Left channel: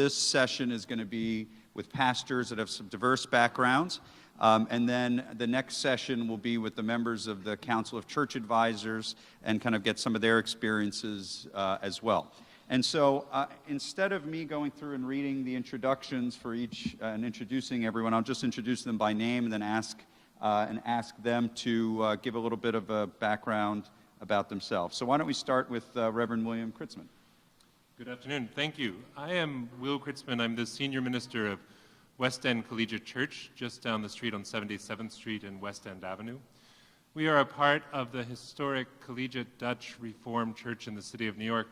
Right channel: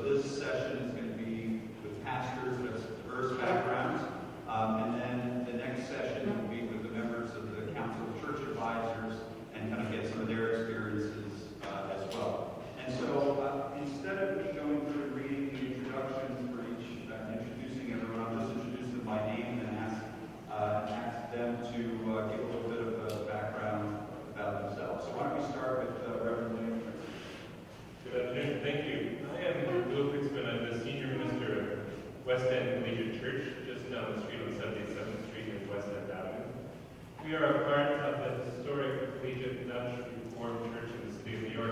this session is going to be with pastors that have some diverse backgrounds. And then the next session will be with the members of the Council of Church Advisors and kind of get some of their experiences as well. And so instead of me going through and reading the introductions for each and introducing everyone, I'll just introduce them by name and then ask them to give a little bit of a background about themselves. So why don't we start with Reverend William Crtitzman. Good afternoon. Thank you. I am Will Crtitzman. I'm the senior minister of West End Collegiate Church, just down the street on 77th Street and West End Avenue. We are a part of the historic Collegiate Dutch Reformed Church in the city of New York,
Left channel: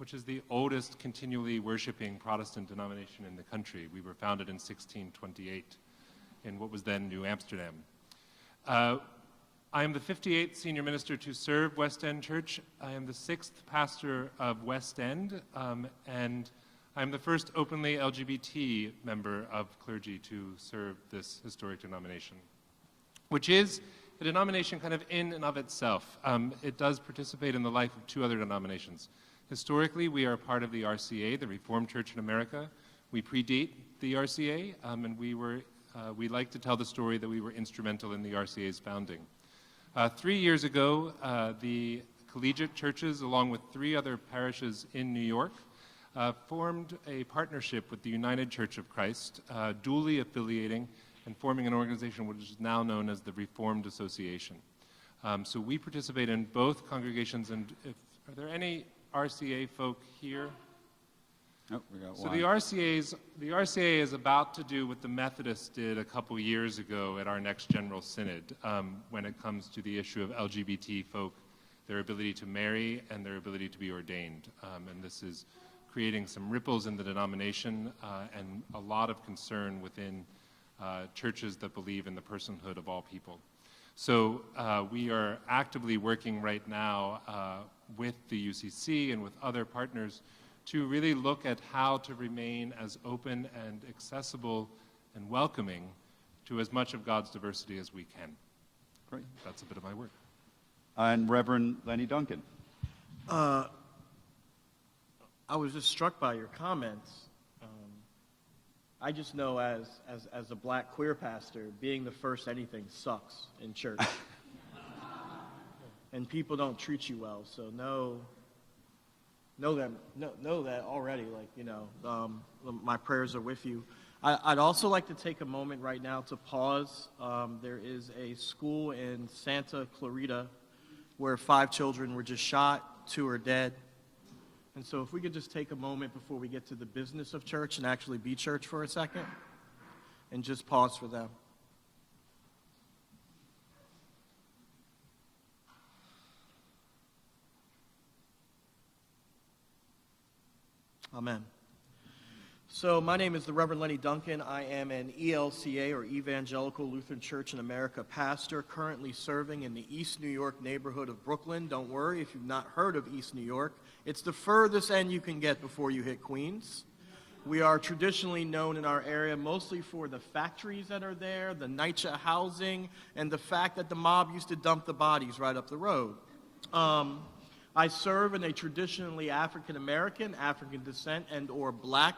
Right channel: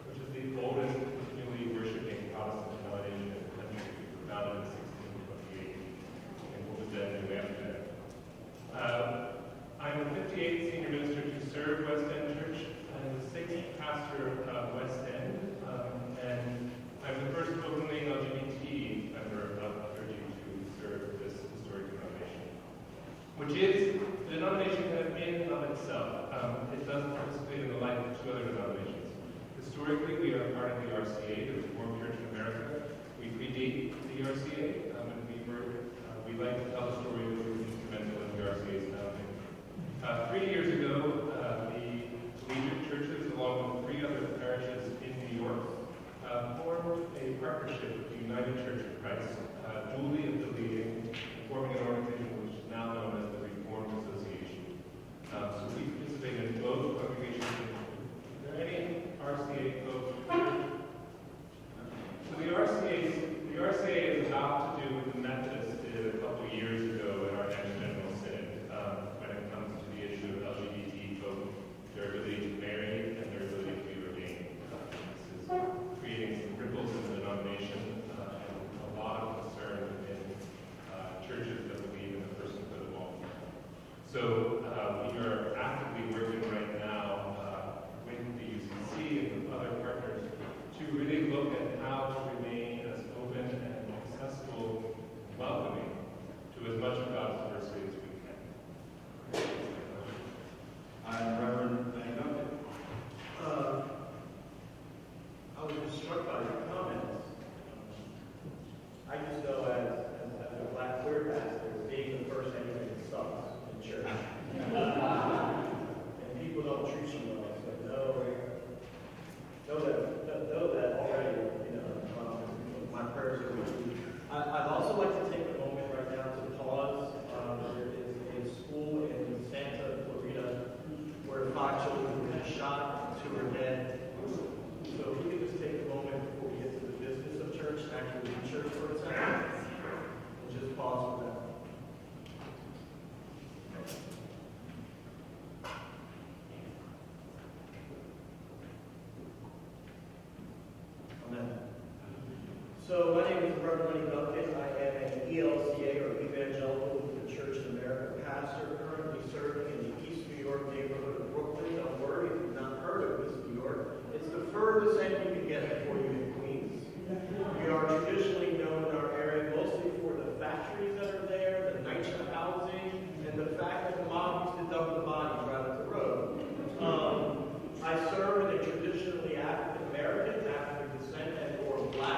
which is the oldest continually worshiping Protestant denomination in the country. We were founded in 1628 in what was then New Amsterdam. I am the 58th senior minister to serve West End Church. I am the 6th pastor of West End, and I'm the first openly LGBT member of clergy to serve this historic denomination, which is a denomination kind of in and of itself. It does participate in the life of two other denominations. Historically, we are part of the RCA, the Reformed Church in America. We predate the RCA, and we like to tell the story that we were instrumental in the RCA's founding. 3 years ago, the collegiate churches, along with 3 other parishes in New York, formed a partnership with the United Church of Christ, duly affiliating and forming an organization which is now known as the Reformed Association. So we participate in both congregations. Are there any RCA folk here? Nope. So the RCA is about to do what the Methodists did a couple years ago at our next General Synod when it comes to the issue of LGBT folk, their ability to marry and their ability to be ordained. This is creating some ripples in the denomination and a lot of concern within churches that believe in the personhood of all people. So we are actively working right now with the UCC and with other partners to really look at how to remain as open and accessible and welcoming to as much of God's diversity as we can. That's the end of my work. I'm Reverend Lenny Duncan. I was just struck by your comments. I just know as a black queer pastor, being the first anything sucks in church. And people don't treat you well, so know that already. My prayers are with you. I'd also like to take a moment right now to pause. There is a school in Santa Clarita where 5 children were just shot, 2 are dead. And so if we could just take a moment before we get to the business of church and actually be church for a second, and just pause for them. Amen. So my name is the Reverend Lenny Duncan. I am an ELCA, or Evangelical Lutheran Church in America pastor, currently serving in the East New York neighborhood of Brooklyn. Don't worry if you've not heard of East New York. It's the furthest end you can get before you hit Queens. We are traditionally known in our area mostly for the factories that are there, the NYCHA housing, and the fact that the mob used to dump the bodies right up the road. I serve in a traditionally African-American, African descent, and or black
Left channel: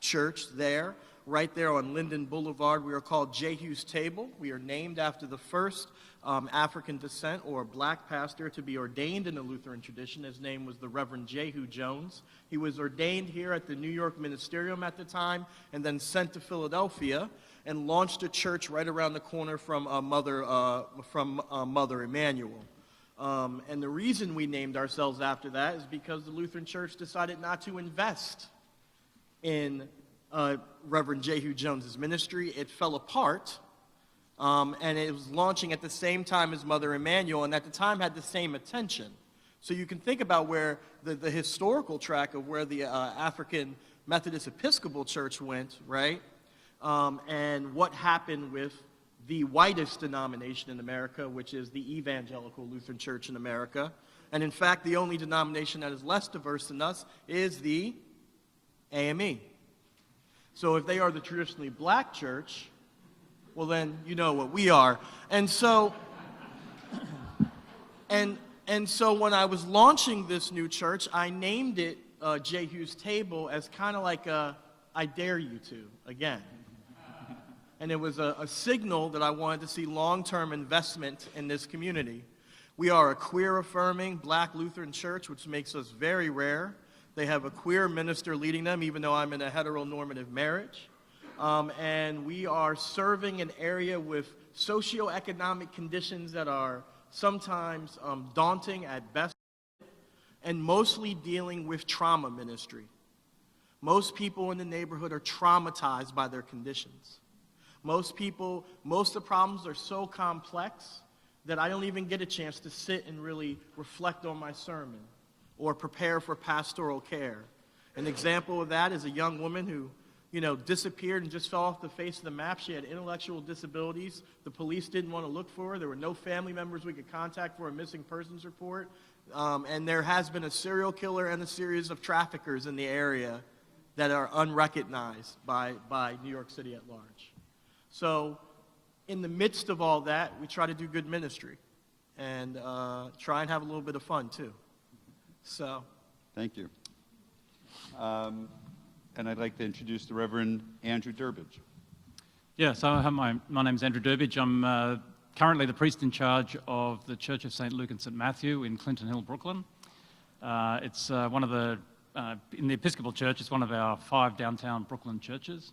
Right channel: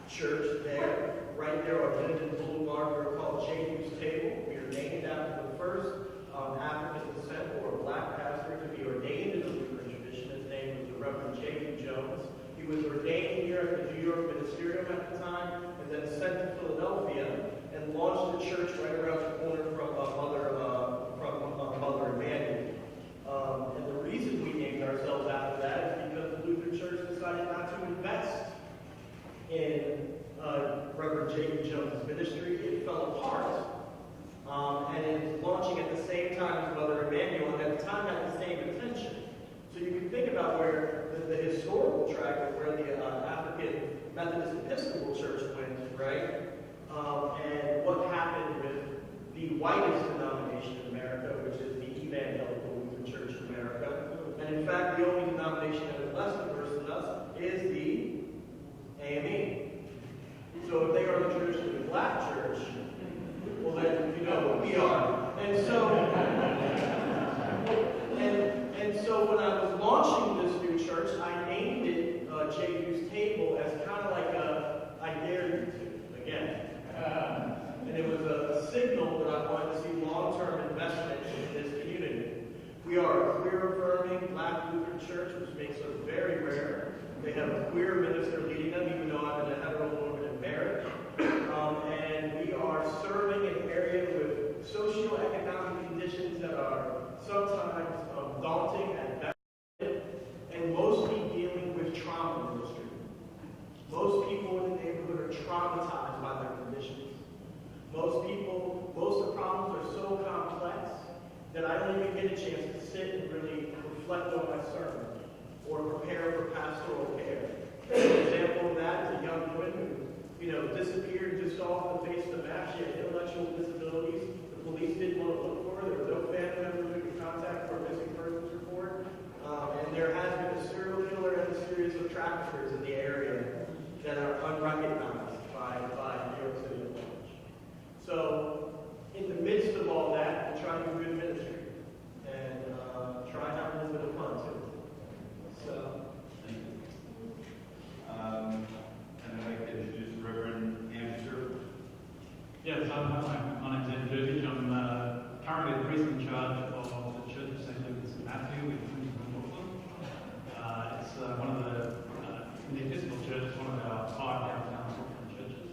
church there, right there on Linden Boulevard. We are called Jehu's Table. We are named after the first African descent or black pastor to be ordained in the Lutheran tradition. His name was the Reverend Jehu Jones. He was ordained here at the New York Ministerium at the time, and then sent to Philadelphia and launched a church right around the corner from Mother Emanuel. And the reason we named ourselves after that is because the Lutheran Church decided not to invest in Reverend Jehu Jones' ministry. It fell apart, and it was launching at the same time as Mother Emanuel, and at the time had the same attention. So you can think about where the historical track of where the African Methodist Episcopal Church went, right? And what happened with the whitest denomination in America, which is the Evangelical Lutheran Church in America. And in fact, the only denomination that is less diverse than us is the AME. So if they are the traditionally black church, well then you know what we are. And so when I was launching this new church, I named it Jehu's Table as kind of like I dare you to, again. And it was a signal that I wanted to see long-term investment in this community. We are a queer-affirming Black Lutheran church, which makes us very rare. They have a queer minister leading them, even though I'm in a heteronormative marriage. And we are serving an area with socioeconomic conditions that are sometimes daunting at best, and mostly dealing with trauma ministry. Most people in the neighborhood are traumatized by their conditions. Most of the problems are so complex that I don't even get a chance to sit and really reflect on my sermon or prepare for pastoral care. An example of that is a young woman who, disappeared and just fell off the face of the map. She had intellectual disabilities. The police didn't want to look for her. There were no family members we could contact for a missing persons report. And there has been a serial killer and a series of traffickers in the area that are unrecognized by New York City at large. So, in the midst of all that, we try to do good ministry and try and have a little bit of fun too. So, Thank you. And I'd like to introduce the Reverend Andrew Durbidge. Yes, my name's Andrew Durbidge. I'm currently the priest in charge of the Church of St. Luke and St. Matthew in Clinton Hill, Brooklyn. It's one of the, in the Episcopal Church, it's one of our 5 downtown Brooklyn churches.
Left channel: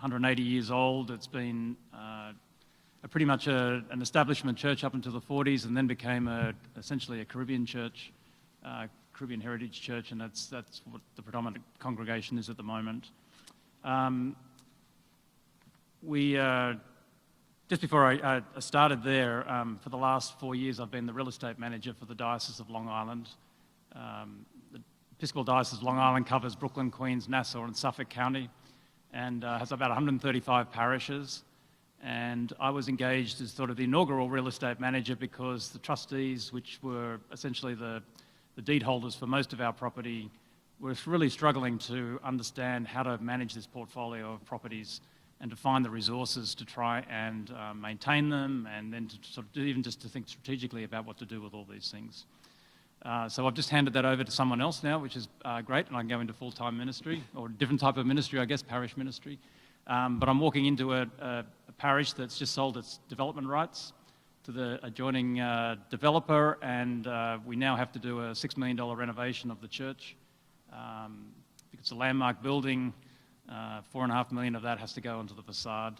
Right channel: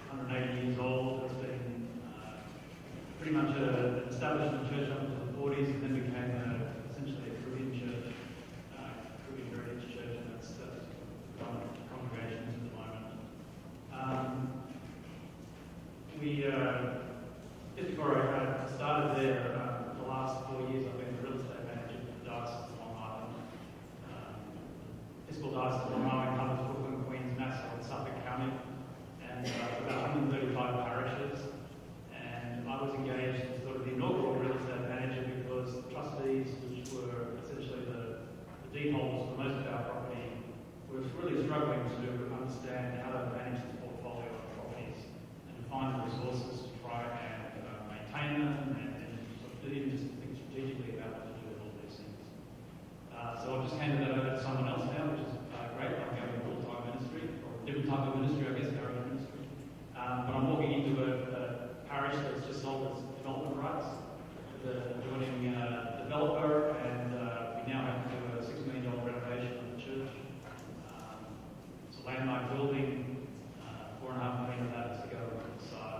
180 years old. It's been pretty much an establishment church up until the 40s, and then became essentially a Caribbean church, Caribbean heritage church, and that's what the predominant congregation is at the moment. Just before I started there, for the last 4 years, I've been the real estate manager for the Diocese of Long Island. The Episcopal Diocese of Long Island covers Brooklyn, Queens, Nassau, and Suffolk County, and has about 135 parishes. And I was engaged as sort of the inaugural real estate manager because the trustees, which were essentially the deed holders for most of our property, were really struggling to understand how to manage this portfolio of properties and to find the resources to try and maintain them, and then to sort of even just to think strategically about what to do with all these things. So I've just handed that over to someone else now, which is great. I can go into full-time ministry, or a different type of ministry, I guess, parish ministry. But I'm walking into a parish that's just sold its development rights to the adjoining developer, and we now have to do a $6 million renovation of the church. It's a landmark building. $4.5 million of that has to go into the facade.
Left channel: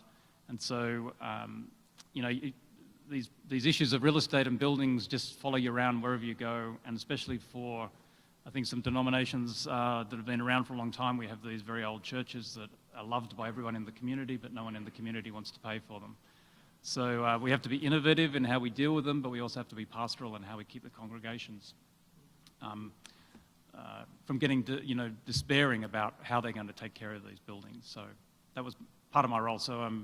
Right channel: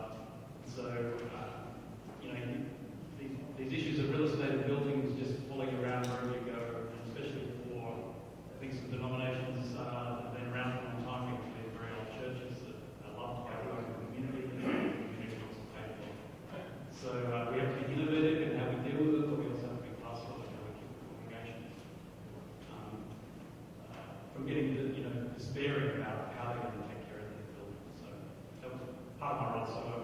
And so, these issues of real estate and buildings just follow you around wherever you go, and especially for, I think, some denominations that have been around for a long time. We have these very old churches that are loved by everyone in the community, but no one in the community wants to pay for them. So we have to be innovative in how we deal with them, but we also have to be pastoral in how we keep the congregations from getting despairing about how they're going to take care of these buildings. So that was part of my role. So I'm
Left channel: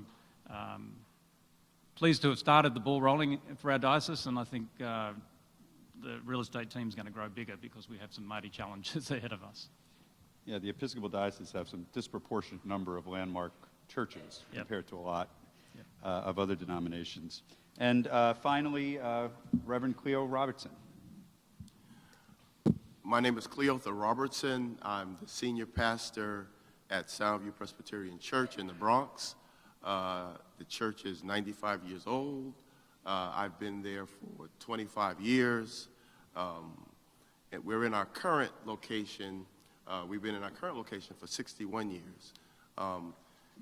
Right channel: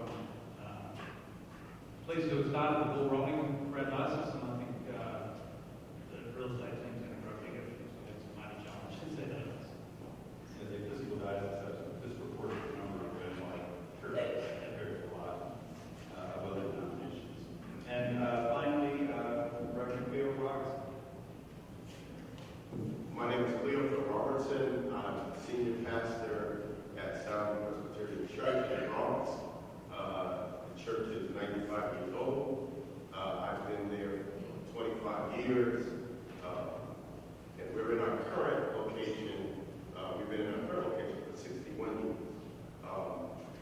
pleased to have started the ball rolling for our diocese, and I think the real estate team is going to grow bigger because we have some mighty challenges ahead of us. Yeah, the Episcopal Diocese have some disproportionate number of landmark churches compared to a lot of other denominations. And finally, Reverend Cleotha Robertson. My name is Cleotha Robertson. I'm the senior pastor at Southview Presbyterian Church in the Bronx. The church is 95 years old. I've been there for 25 years. And we're in our current location. We've been in our current location for 61 years.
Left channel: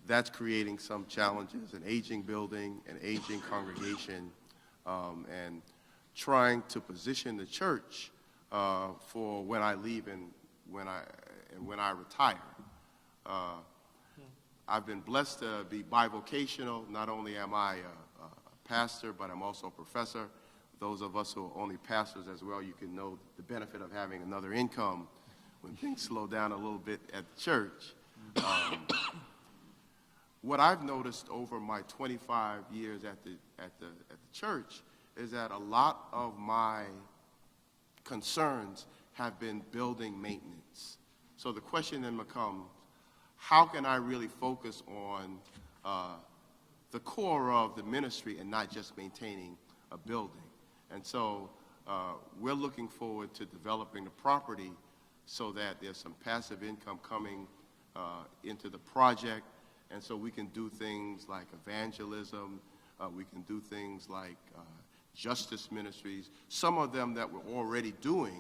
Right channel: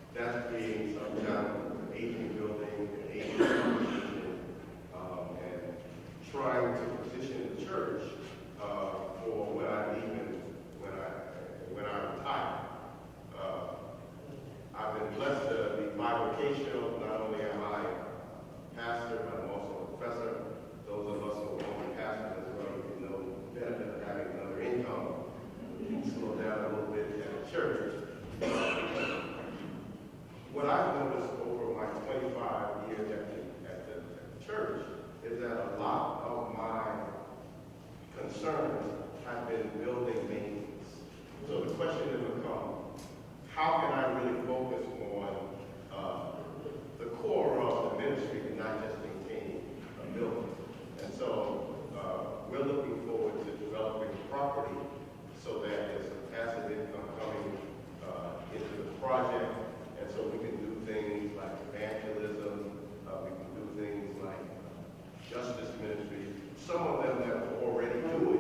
That's creating some challenges, an aging building, an aging congregation, and trying to position the church for when I leave and when I retire. I've been blessed to be bivocational. Not only am I a pastor, but I'm also a professor. Those of us who are only pastors as well, you can know the benefit of having another income. You can slow down a little bit at the church. What I've noticed over my 25 years at the church is that a lot of my concerns have been building maintenance. So the question has become, how can I really focus on the core of the ministry and not just maintaining a building? And so we're looking forward to developing property so that there's some passive income coming project, and so we can do things like evangelism, we can do things like justice ministries, some of them that we're already doing,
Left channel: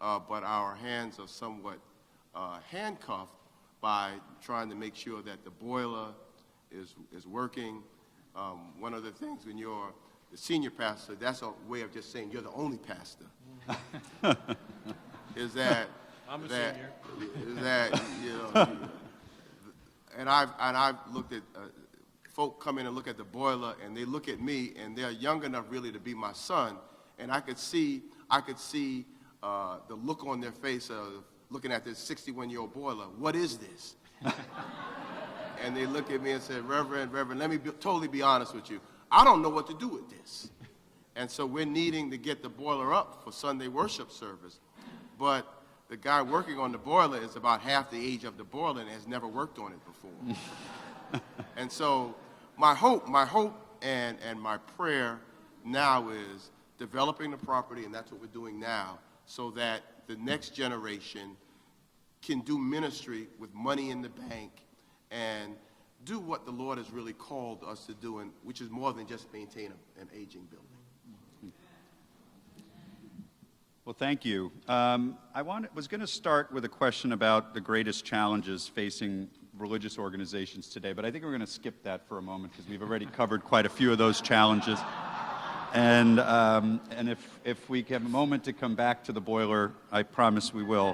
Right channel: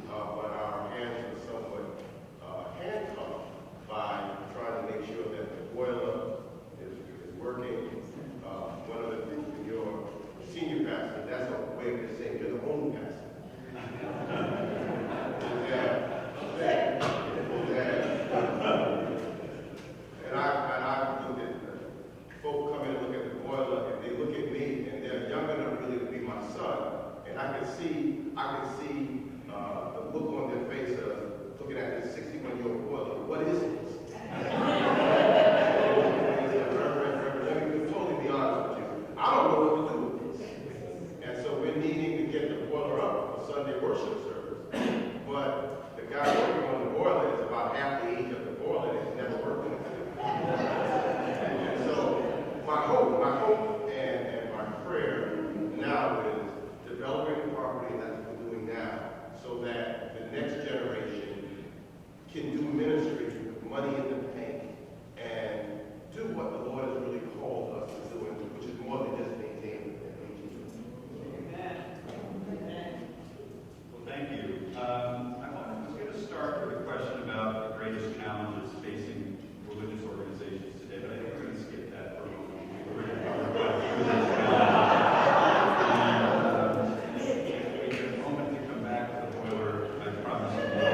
but our hands are somewhat handcuffed by trying to make sure that the boiler is working. One of the things when you're a senior pastor, that's a way of just saying you're the only pastor. Is that and I've looked at folk come in and look at the boiler, and they look at me, and they're young enough really to be my son, and I could see the look on their face of looking at this 61-year-old boiler. What is this? And they look at me and say, Reverend, let me totally be honest with you. I don't know what to do with this. And so we're needing to get the boiler up for Sunday worship service. But the guy working on the boiler is about half the age of the boiler and has never worked on it before. And so my hope and my prayer now is developing the property, and that's what we're doing now, so that the next generation can do ministry with money in the bank and do what the Lord has really called us to do, which is more than just maintaining an aging building. Well, thank you. Was going to start with a question about the greatest challenges facing religious organizations today, but I think we're going to skip that for a moment because we've already covered quite a few of those challenges. And if we have a moment to come back to the boiler, I promise we will.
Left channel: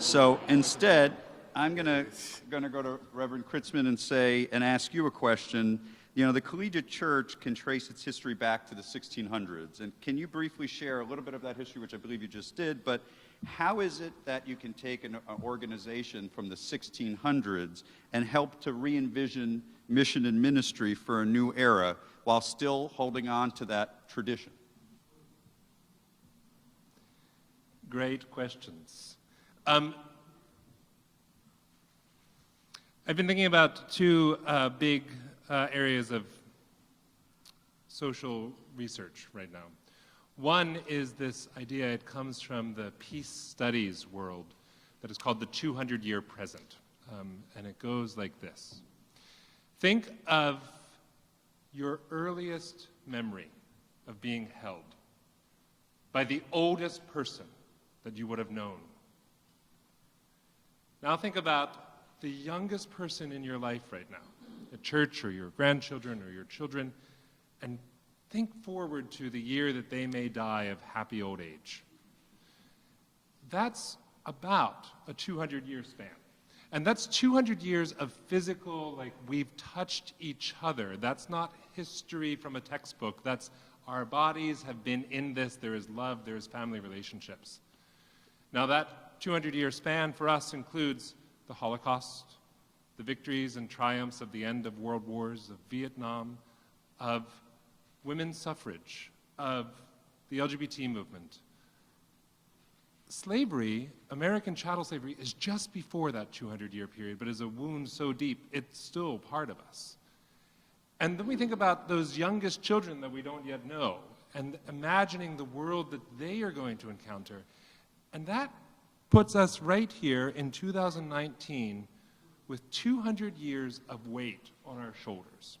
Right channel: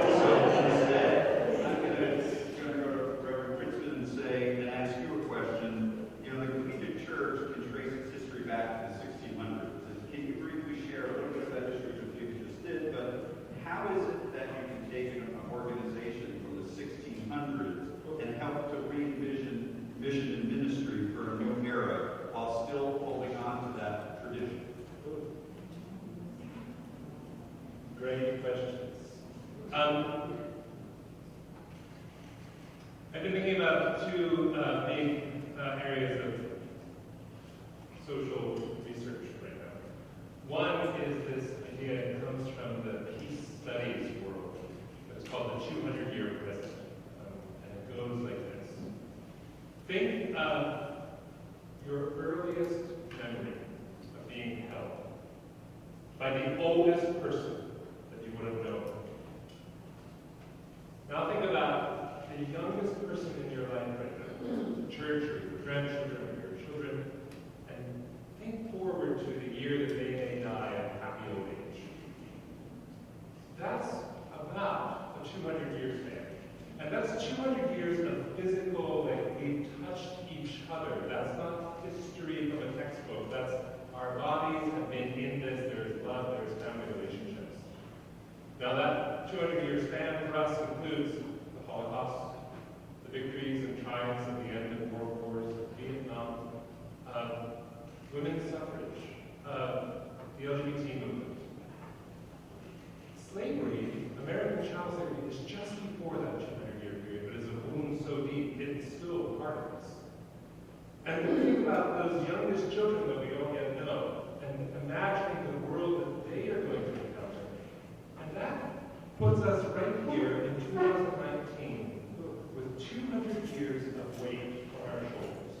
So instead, I'm going to go to Reverend Crtitzman and ask you a question. You know, the collegiate church can trace its history back to the 1600s. And can you briefly share a little bit of that history, which I believe you just did, but how is it that you can take an organization from the 1600s and help to re-envision mission and ministry for a new era while still holding on to that tradition? Great questions. I've been thinking about two big areas of social research right now. One is this idea, it comes from the peace studies world, that is called the 200-year present. And it goes like this. Think of your earliest memory of being held by the oldest person that you would have known. Now think about the youngest person in your life right now, the church or your grandchildren or your children, and think forward to the year that they may die of happy old age. That's about a 200-year span. And that's 200 years of physical, like we've touched each other. That's not history from a textbook. That's our bodies have been in this. There is love, there is family relationships. Now that 200-year span for us includes the Holocaust, the victories and triumphs at the end of world wars, of Vietnam, of women's suffrage, of the LGBT movement. Slavery, American chattel slavery, is just before that 200-year period, but is a wound so deep, it's still part of us. And then we think about those youngest children that we don't yet know, and imagining the world that they are going to encounter. And that puts us right here in 2019 with 200 years of weight on our shoulders.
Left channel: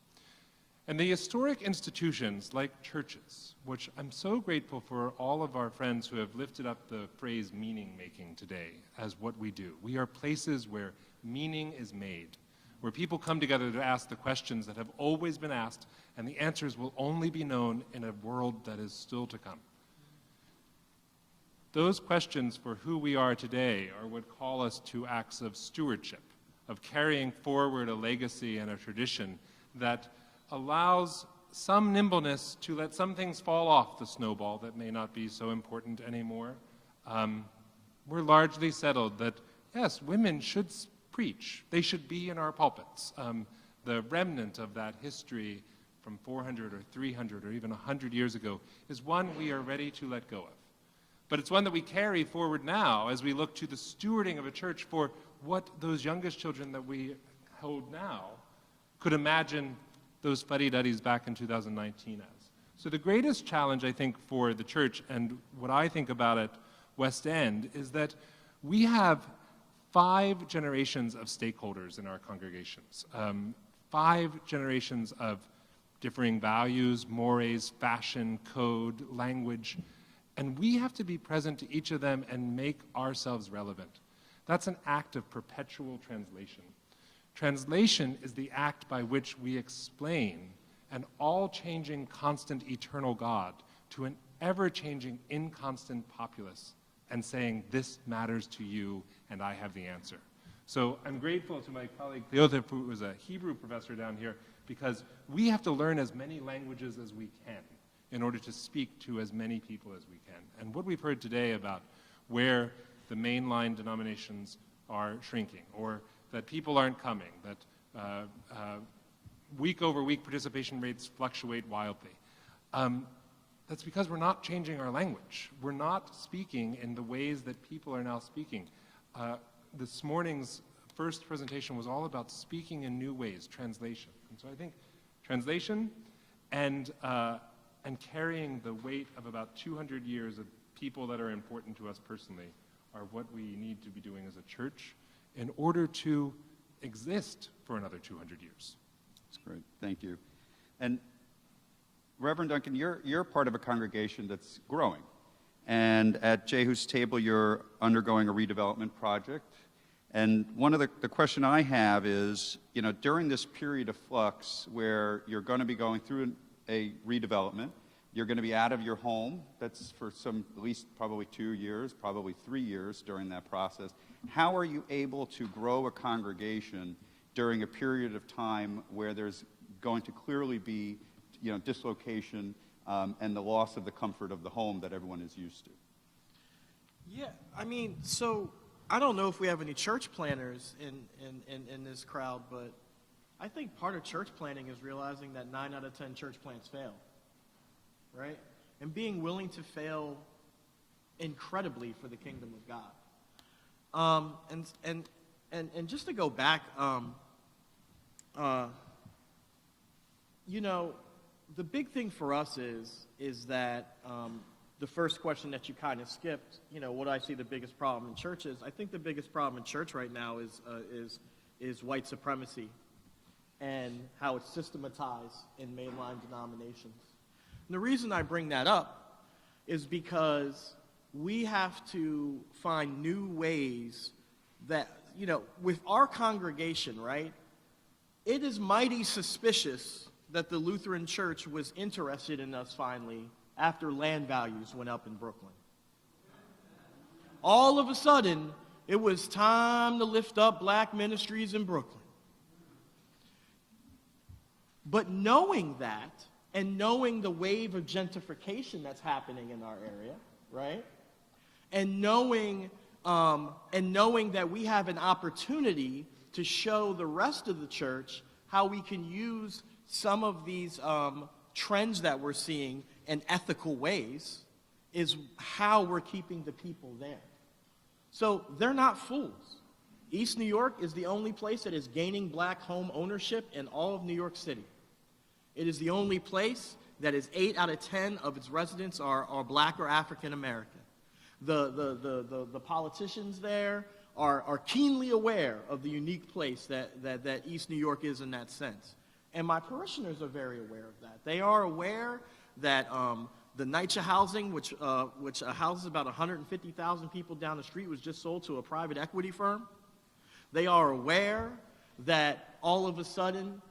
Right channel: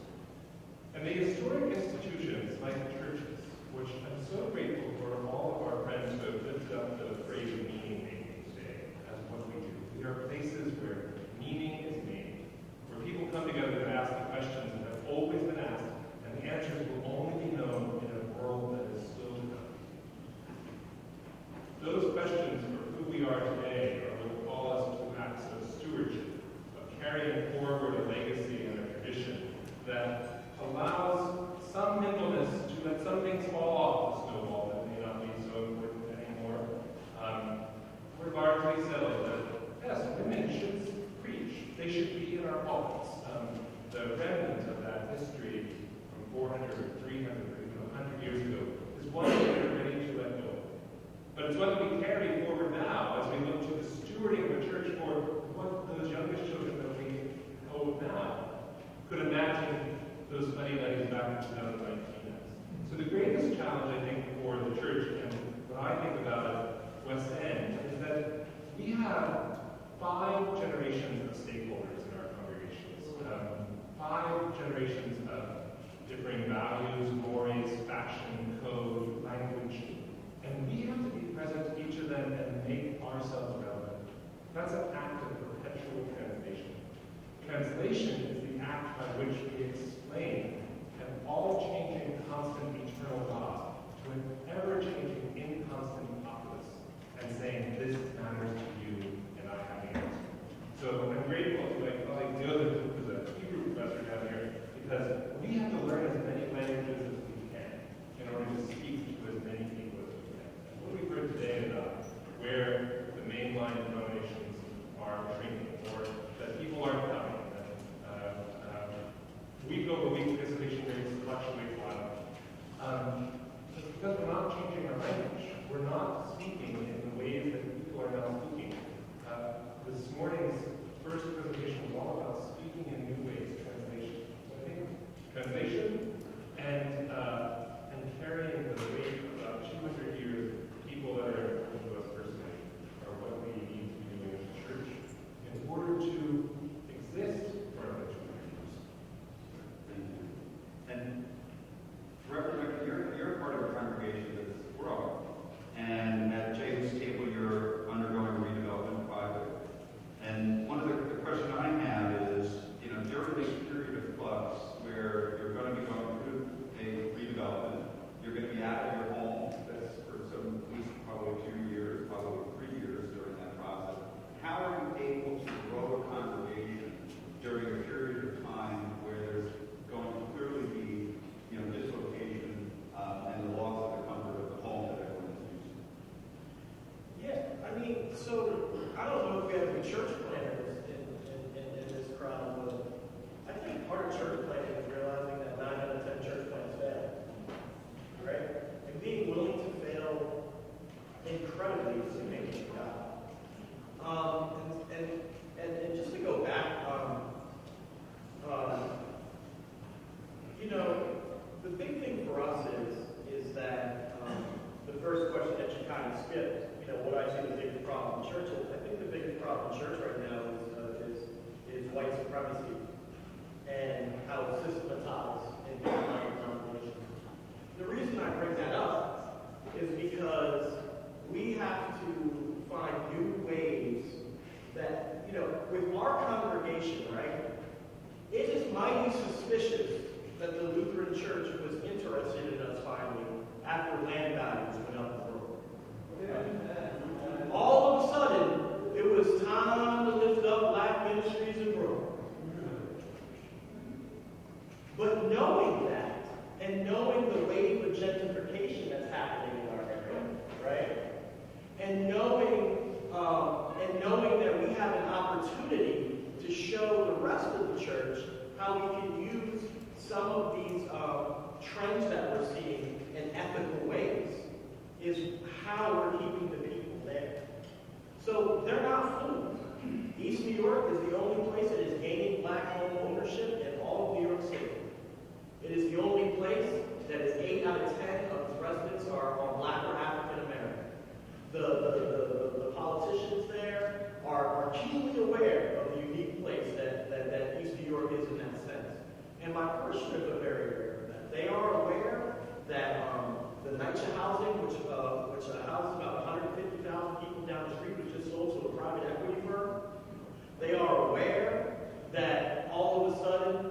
And the historic institutions like churches, which I'm so grateful for all of our friends who have lifted up the phrase meaning making today as what we do. We are places where meaning is made, where people come together to ask the questions that have always been asked, and the answers will only be known in a world that is still to come. Those questions for who we are today are what call us to acts of stewardship, of carrying forward a legacy and a tradition that allows some nimbleness to let some things fall off the snowball that may not be so important anymore. We're largely settled that, yes, women should preach. They should be in our pulpits. The remnant of that history from 400 or 300 or even 100 years ago is one we are ready to let go of. But it's one that we carry forward now as we look to the stewarding of the church for what those youngest children that we hold now could imagine those fuddy-duddies back in 2019. So the greatest challenge, I think, for the church, and what I think about at West End, is that we have 5 generations of stakeholders in our congregations, 5 generations of differing values, mores, fashion, code, language, and we have to be present to each of them and make ourselves relevant. That's an act of perpetual translation. Translation is the act by which we explain an all-changing, constant, eternal God to an ever-changing, inconstant populace and saying, this matters to you, and I have the answer. So I'm grateful to my colleague Cleotha, who is a Hebrew professor down here, because we have to learn as many languages as we can in order to speak to as many people as we can. And what we've heard today about where the mainline denominations are shrinking, or that people aren't coming, that week over week participation rates fluctuate wildly. That's because we're not changing our language. We're not speaking in the ways that people are now speaking. This morning's first presentation was all about speaking in new ways, translation. So I think translation and carrying the weight of about 200 years of people that are important to us personally are what we need to be doing as a church in order to exist for another 200 years. That's great. Thank you. And Reverend Duncan, you're part of a congregation that's growing. And at Jehu's table, you're undergoing a redevelopment project. And one of the question I have is, you know, during this period of flux where you're going to be going through a redevelopment, you're going to be out of your home. That's for at least probably 2 years, probably 3 years during that process. How are you able to grow a congregation during a period of time where there's going to clearly be, you know, dislocation and the loss of the comfort of the home that everyone is used to? Yeah, I mean, so I don't know if we have any church planners in this crowd, but I think part of church planning is realizing that 9 out of 10 church plans fail, right? And being willing to fail incredibly for the kingdom of God. And just to go back, you know, the big thing for us is that the first question that you kind of skipped, you know, what I see the biggest problem in churches. I think the biggest problem in church right now is white supremacy and how it's systematized in mainline denominations. And the reason I bring that up is because we have to find new ways that, you know, with our congregation, right, it is mighty suspicious that the Lutheran Church was interested in us finally after land values went up in Brooklyn. All of a sudden, it was time to lift up black ministries in Brooklyn. But knowing that, and knowing the wave of gentrification that's happening in our area, right? And knowing that we have an opportunity to show the rest of the church how we can use some of these trends that we're seeing in ethical ways is how we're keeping the people there. So they're not fools. East New York is the only place that is gaining black home ownership in all of New York City. It is the only place that is 8 out of 10 of its residents are black or African American. The politicians there are keenly aware of the unique place that East New York is in that sense. And my parishioners are very aware of that. They are aware that the NYCHA housing, which houses about 150,000 people down the street, was just sold to a private equity firm. They are aware that all of a sudden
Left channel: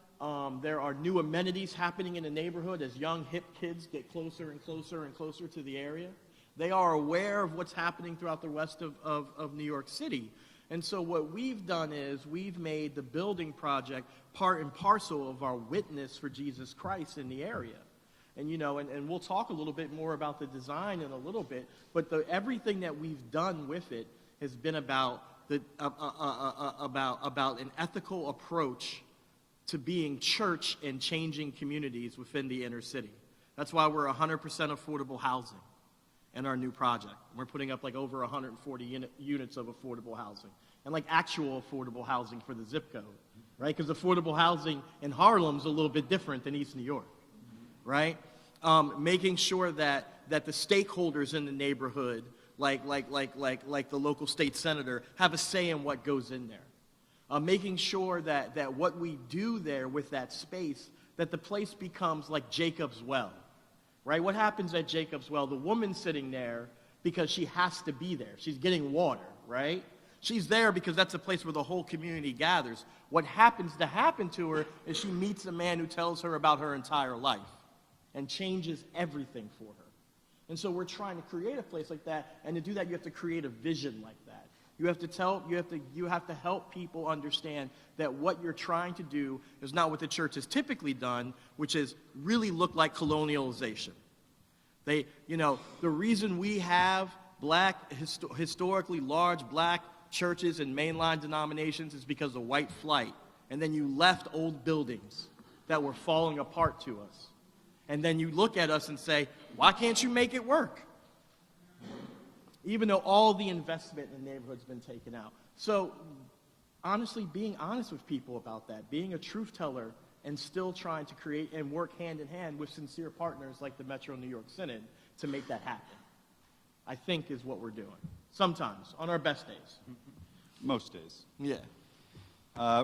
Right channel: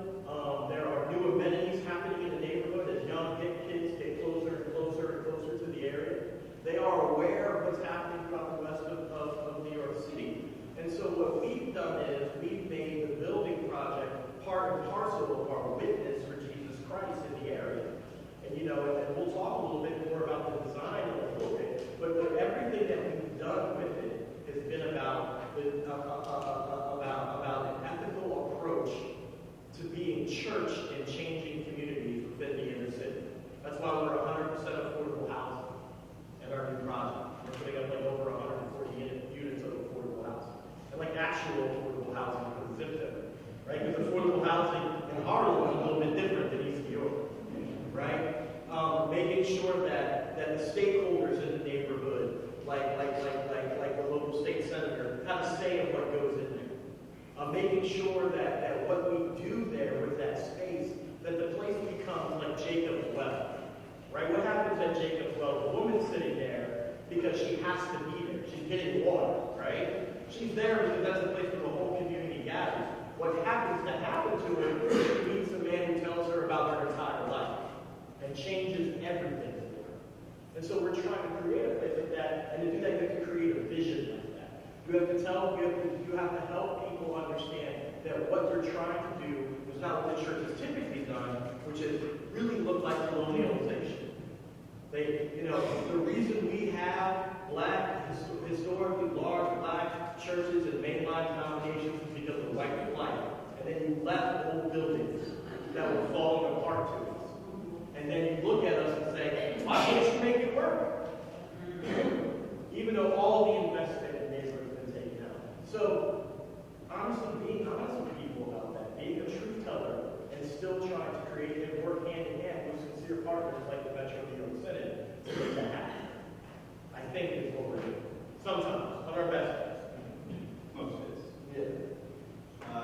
there are new amenities happening in the neighborhood as young hip kids get closer and closer and closer to the area. They are aware of what's happening throughout the rest of New York City. And so what we've done is we've made the building project part and parcel of our witness for Jesus Christ in the area. And, you know, and we'll talk a little bit more about the design in a little bit, but everything that we've done with it has been about about an ethical approach to being church and changing communities within the inner city. That's why we're 100% affordable housing in our new project. We're putting up like over 140 units of affordable housing, and like actual affordable housing for the zip code, right? Because affordable housing in Harlem is a little bit different than East New York, right? Making sure that the stakeholders in the neighborhood like the local state senator, have a say in what goes in there. Making sure that what we do there with that space, that the place becomes like Jacob's Well, right? What happens at Jacob's Well? The woman's sitting there because she has to be there. She's getting water, right? She's there because that's a place where the whole community gathers. What happens to happen to her is she meets a man who tells her about her entire life and changes everything for her. And so we're trying to create a place like that, and to do that you have to create a vision like that. You have to help people understand that what you're trying to do is not what the church has typically done, which is really look like colonialization. The reason we have historically large black churches and mainline denominations is because of white flight. And then you left old buildings that were falling apart to us. And then you look at us and say, why can't you make it work? Even though all the investment in there has been taken out. So, honestly, being honest with people about that, being a truth teller, and still trying to create and work hand in hand with sincere partners like the Metro New York Synod to make that happen, I think is what we're doing. Sometimes, on our best days. Most days. Yeah.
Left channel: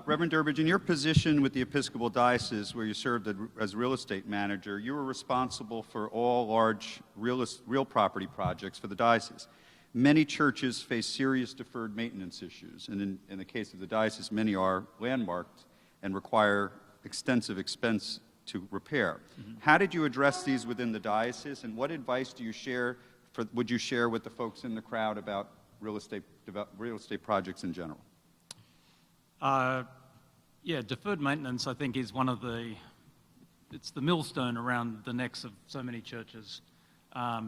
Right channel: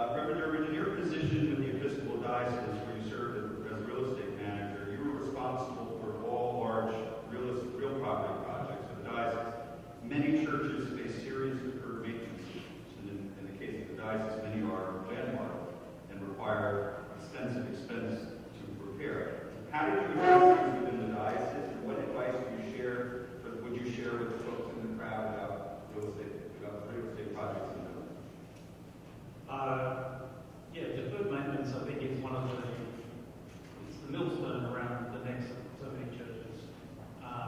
Reverend Durbidge, in your position with the Episcopal Diocese, where you served as real estate manager, you were responsible for all large real property projects for the diocese. Many churches face serious deferred maintenance issues, and in the case of the diocese, many are landmarks and require extensive expense to repair. How did you address these within the diocese, and what advice would you share with the folks in the crowd about real estate projects in general? Deferred maintenance, I think, is it's the millstone around the necks of so many churches,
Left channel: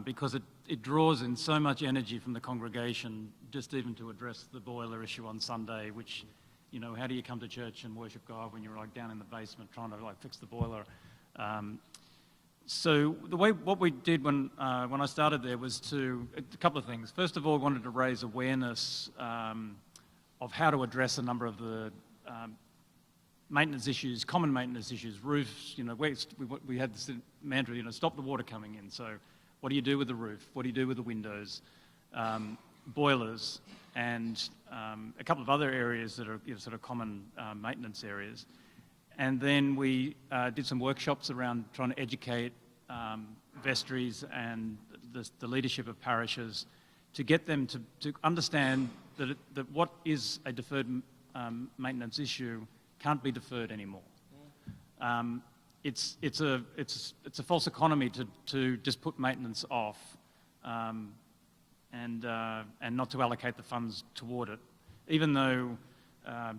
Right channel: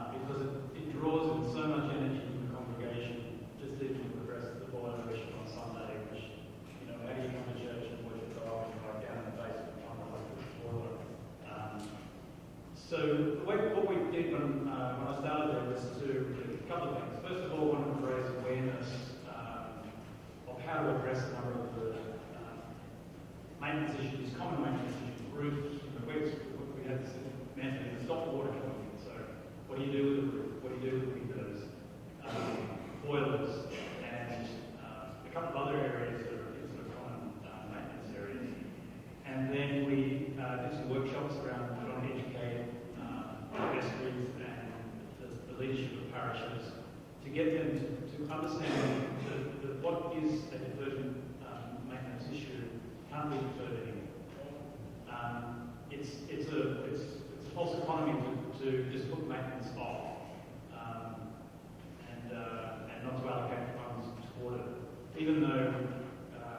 because it draws in so much energy from the congregation, just even to address the boiler issue on Sunday, which, how do you come to church and worship God when you're down in the basement trying to fix the boiler? So what we did when I started there was a couple of things. First of all, we wanted to raise awareness of how to address a number of the maintenance issues, common maintenance issues, roofs. We had this mandate to stop the water coming in. So what do you do with the roof? What do you do with the windows? Boilers, and a couple of other areas that are sort of common maintenance areas. And then we did some workshops around trying to educate vestries and the leadership of parishes to get them to understand that what is a deferred maintenance issue can't be deferred anymore. It's a false economy to just put maintenance off and not to allocate the funds toward it. Even though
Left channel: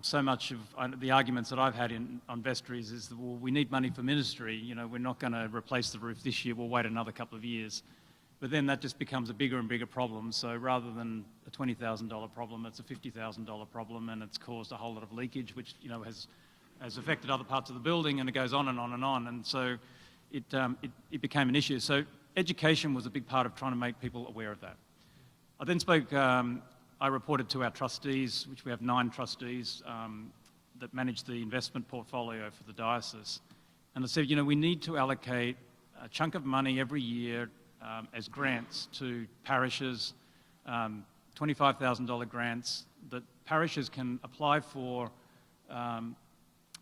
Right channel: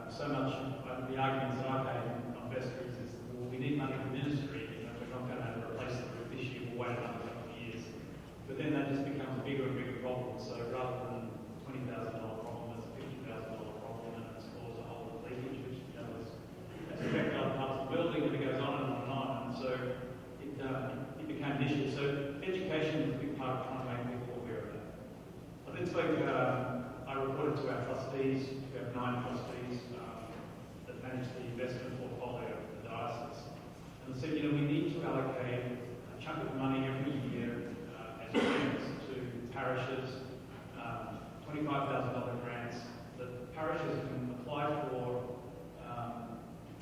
so much of the arguments that I've had on vestries is that, well, we need money for ministry. We're not going to replace the roof this year. We'll wait another couple of years. But then that just becomes a bigger and bigger problem. So rather than a $20,000 problem, it's a $50,000 problem, and it's caused a whole lot of leakage, which has affected other parts of the building, and it goes on and on and on. And so it became an issue. So education was a big part of trying to make people aware of that. I then I reported to our trustees, which we have 9 trustees that manage the investment portfolio for the diocese. And I said, we need to allocate a chunk of money every year as grants to parishes, $25,000 grants that parishes can apply for